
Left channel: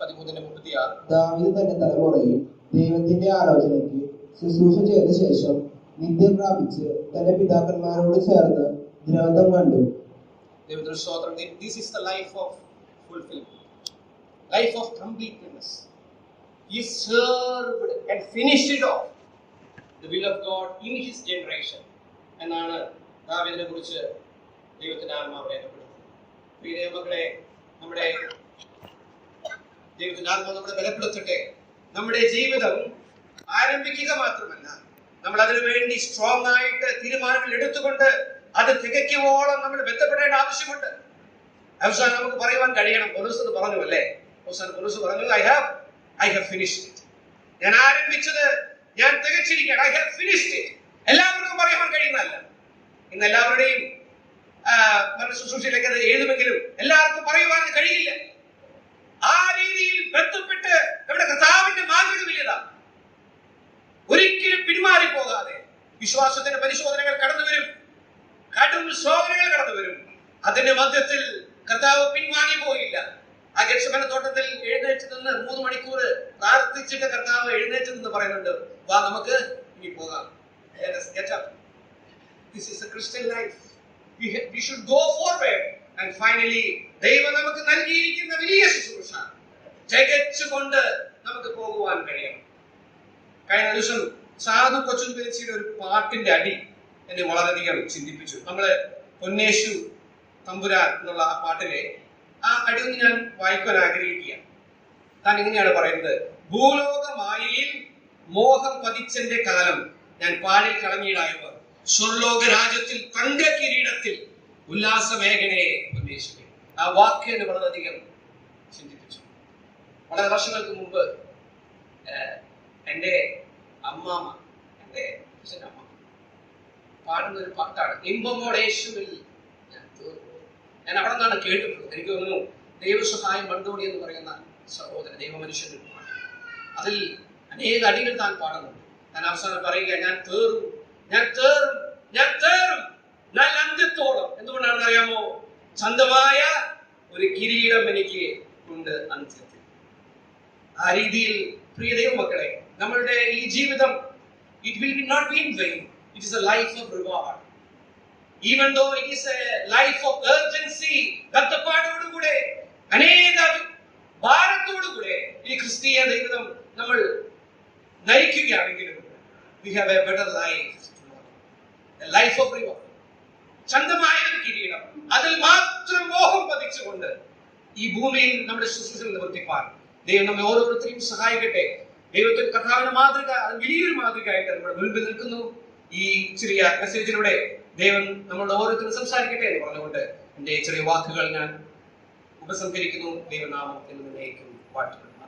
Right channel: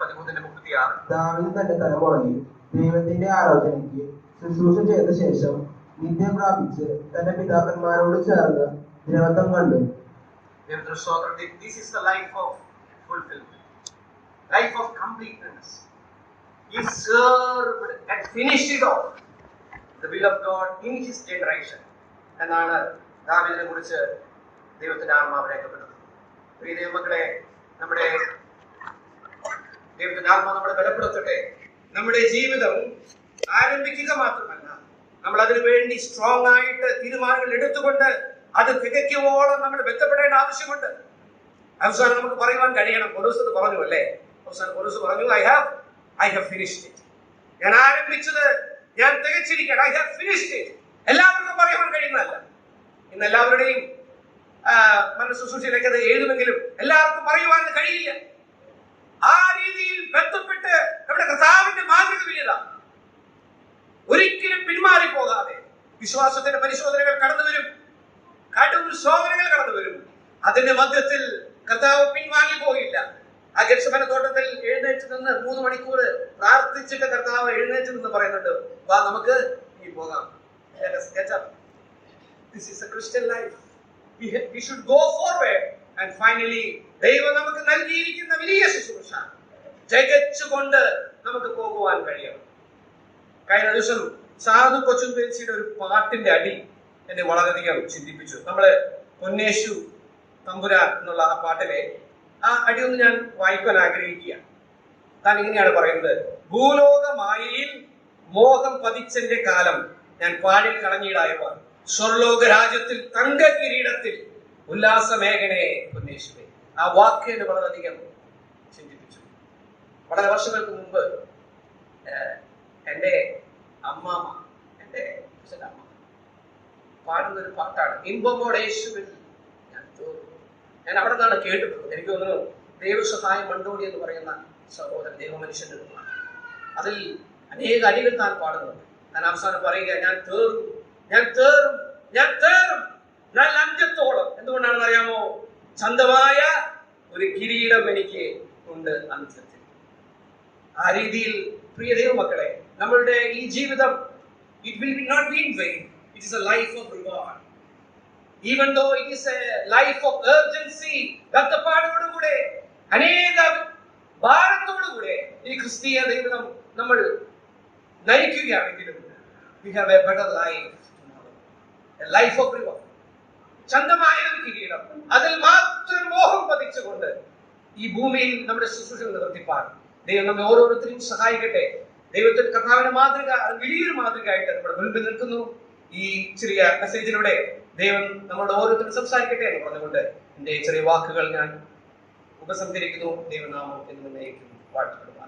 13-36. ദാവീദ് തന്റെ തലമുറയിൽ ദൈവത്തിന്റെ ആലോചനയ്ക്ക് ശുശ്രൂഷ ചെയ്ത ശേഷം നിത്യം പ്രാപിച്ച് തന്റെ പിതാക്കന്മാരോട് ചേർന്ന് ദ്രവത്വം കണ്ടു. This is the life of fulfillment, life of completeness. He served and finished it off, the will of God in his generation. എന്നാണ് ദാവീദിനെ കുറിച്ച് ദൈവത്തിന്റെ ആത്മാവ് രേഖപ്പെടുത്തുന്നത്. പ്രിയ ദൈവമക്കളെ, നമ്മുടെ ദൈവത്തിന്റെ ആത്മാവ് നമ്മളെ ബലപ്പെടുത്തട്ടെ. നമ്മുടെ ജീവിതം ആരംഭിക്കുക മാത്രമല്ല, നമ്മൾ അതിനു വേണ്ടി സ്ട്രോങ് ആയിട്ട് തീരുമാനങ്ങൾ എടുത്തുകൊണ്ട് അത് തികയ്ക്കുവോളം നമ്മൾ ബന്ധപ്പെടേണ്ട ആവശ്യമുണ്ട്. അവസാനം നമുക്ക് പറയുവാൻ കഴിയണം. പൗലോസ് പറഞ്ഞു അല്ലേ, അവസാനം പൗലോസ് പറഞ്ഞു, I have finished it. ഞാൻ ആരംഭിച്ചത് ഞാൻ തികച്ചിരിക്കുകയാണ്. I have finished it. എല്ലാവർക്കും പറയുവാൻ കഴിയുന്നതല്ല. ഇന്ന് എല്ലാവരുടെയും മനഃശുശ്രൂഷയിലേക്ക് അത് എഴുതുമെങ്കിലും എല്ലാവർക്കും പറയുവാൻ കഴിയില്ല. ആ രീതിയിൽ ബന്ധപ്പെട്ട് നമ്മുടെ കർത്താവിന്റെ മാതൃക വലിയതാണ്. ഒരിക്കലും പിന്മാറി പോകാതെ വിശ്വാസത്തിന്റെ പരിശോധനകൾ കടന്നു വരും, കടും ശോധനകൾ കടന്നു വരും. അതിന്റെ മധ്യത്തിൽ കർത്താവ് പിൻവാങ്ങി പോയില്ല. ആ ഗെത്സമനെ തോട്ടത്തിൽ എഴുന്നേറ്റ് നിന്ന് 3 മണിക്കൂർ പ്രാർത്ഥിച്ചിട്ട് കർത്താവ് എഴുന്നേറ്റ് നിന്ന് പറയുന്നുണ്ട്, വാ നമുക്ക് ഇനി പോകാം. Let us get up. This is a Christian life. We should go forward. And finally, ദൈവം നമുക്ക് നൽകിയിരിക്കുന്ന വലിയ ശുശ്രൂഷ തികച്ചുകൊണ്ട് നമുക്ക് പോകുവാൻ കഴിയണം. കഴിഞ്ഞ ദിവസം സാധു കൊച്ചും പേച്ചിയുടെ ഒരു പാട്ടിന്റെ അടി എന്നെ വളരെയധികം ചിന്തിപ്പിച്ചു. നമ്മള് പൊന്നേശു തമ്പുരാൻ എന്നുള്ള ആ പാട്ടിലെ ആ അടി ഒന്ന് ഞാൻ വായിക്കാൻ ആഗ്രഹിക്കുകയാണ്. താൻ ഇങ്ങനെയാണ് പറയുന്നത്, ഭൂലോക മായയിൽ മോഹം പതിച്ചെന്റെ കാലം ഞാൻ പാലിൽ കളഞ്ഞിടായവർ സ്വർലോക രാജ്യത്തിൽ തങ്ക കിരീടത്തിൽ ഉല്ലാസമേഖനെ പൊന്നേശുവേ. ആ വാക്ക് എന്നെ വളരെയധികം ചിന്തിപ്പിച്ചു. വളരെ വർഷങ്ങൾക്ക് മുമ്പ് എൻ്റെ അമ്മാമ്മ, എൻ്റെ അച്ഛൻ്റെ അമ്മ പാടുന്ന ഒരു പാട്ടാണ്, ഇമ്പമോടേശുവിൽ ഞാൻ തീർന്നു. ഞാൻ അവിടെ നിന്നാണ് കേട്ടിട്ടുള്ളത്. എനിക്ക് തോന്നുന്നു ദൈവസഹായം മണ്ടോടി എന്ന് പറയുന്ന സഹോദരൻ ദൈവമനുഷ്യന്റെ ഒരു പാട്ട്, അതിൽ അനേക അടികൾ താൻ പാടുന്നുണ്ട്. താൻ അവസാനം പറയുക, ഞാൻ തേറും നല്ല അന്ത്യത്തോളം. എന്തുകൊണ്ടാണെന്ന് അറിയാമോ? ചന്തമായ ഒരു കിരീടം എനിക്ക് ഉണ്ട് അന്ത്യത്തിൽ. ആ രീതിയിൽ പ്രിയ ദൈവമക്കളെ, നമ്മളുടെ ഈ ജീവിതം it will not be in vain. It is a life of reward. Even though it is a life of urgency, ബദ്ധപ്പാടോടുകൂടെ അനേക ഭാരത്തോടുകൂടെ ഈ ക്രിസ്തീയ ജീവിതം നമ്മൾ നയിക്കുകയാണെങ്കിലും we have a better life tomorrow, a life of reward. ചന്തമായ ഒരു കിരീടം, അതിൽ മാത്രം മോഹം പതിച്ചുകൊണ്ട് ഈ ഭൂമിയിൽ നമ്മുടെ ശുശ്രൂഷ നിവർത്തിപ്പാൻ ദൈവം നമ്മെ ഓരോരുത്തരെയും സഹായിക്കട്ടെ. ദൈവത്തിന്റെ കർത്താവിന്റെ മാതൃക അത് വലിയൊരു മാതൃകയായിട്ട് നമ്മുടെ മുൻപിൽ നിൽക്കുന്നു. ഈ ചെറിയ മെസ്സേജിലൂടെ ദൈവം നമ്മളുടെ ഓരോരുത്തരും സംസാരിക്കട്ടെ എന്ന് പറഞ്ഞുകൊണ്ട് എന്റെ ചെറിയ വാക്കുകൾ ഞാൻ ഉപസംഹരിക്കുന്നു. ദൈവനാമം എന്ന് വാഴ്ത്തപ്പെടുന്നു.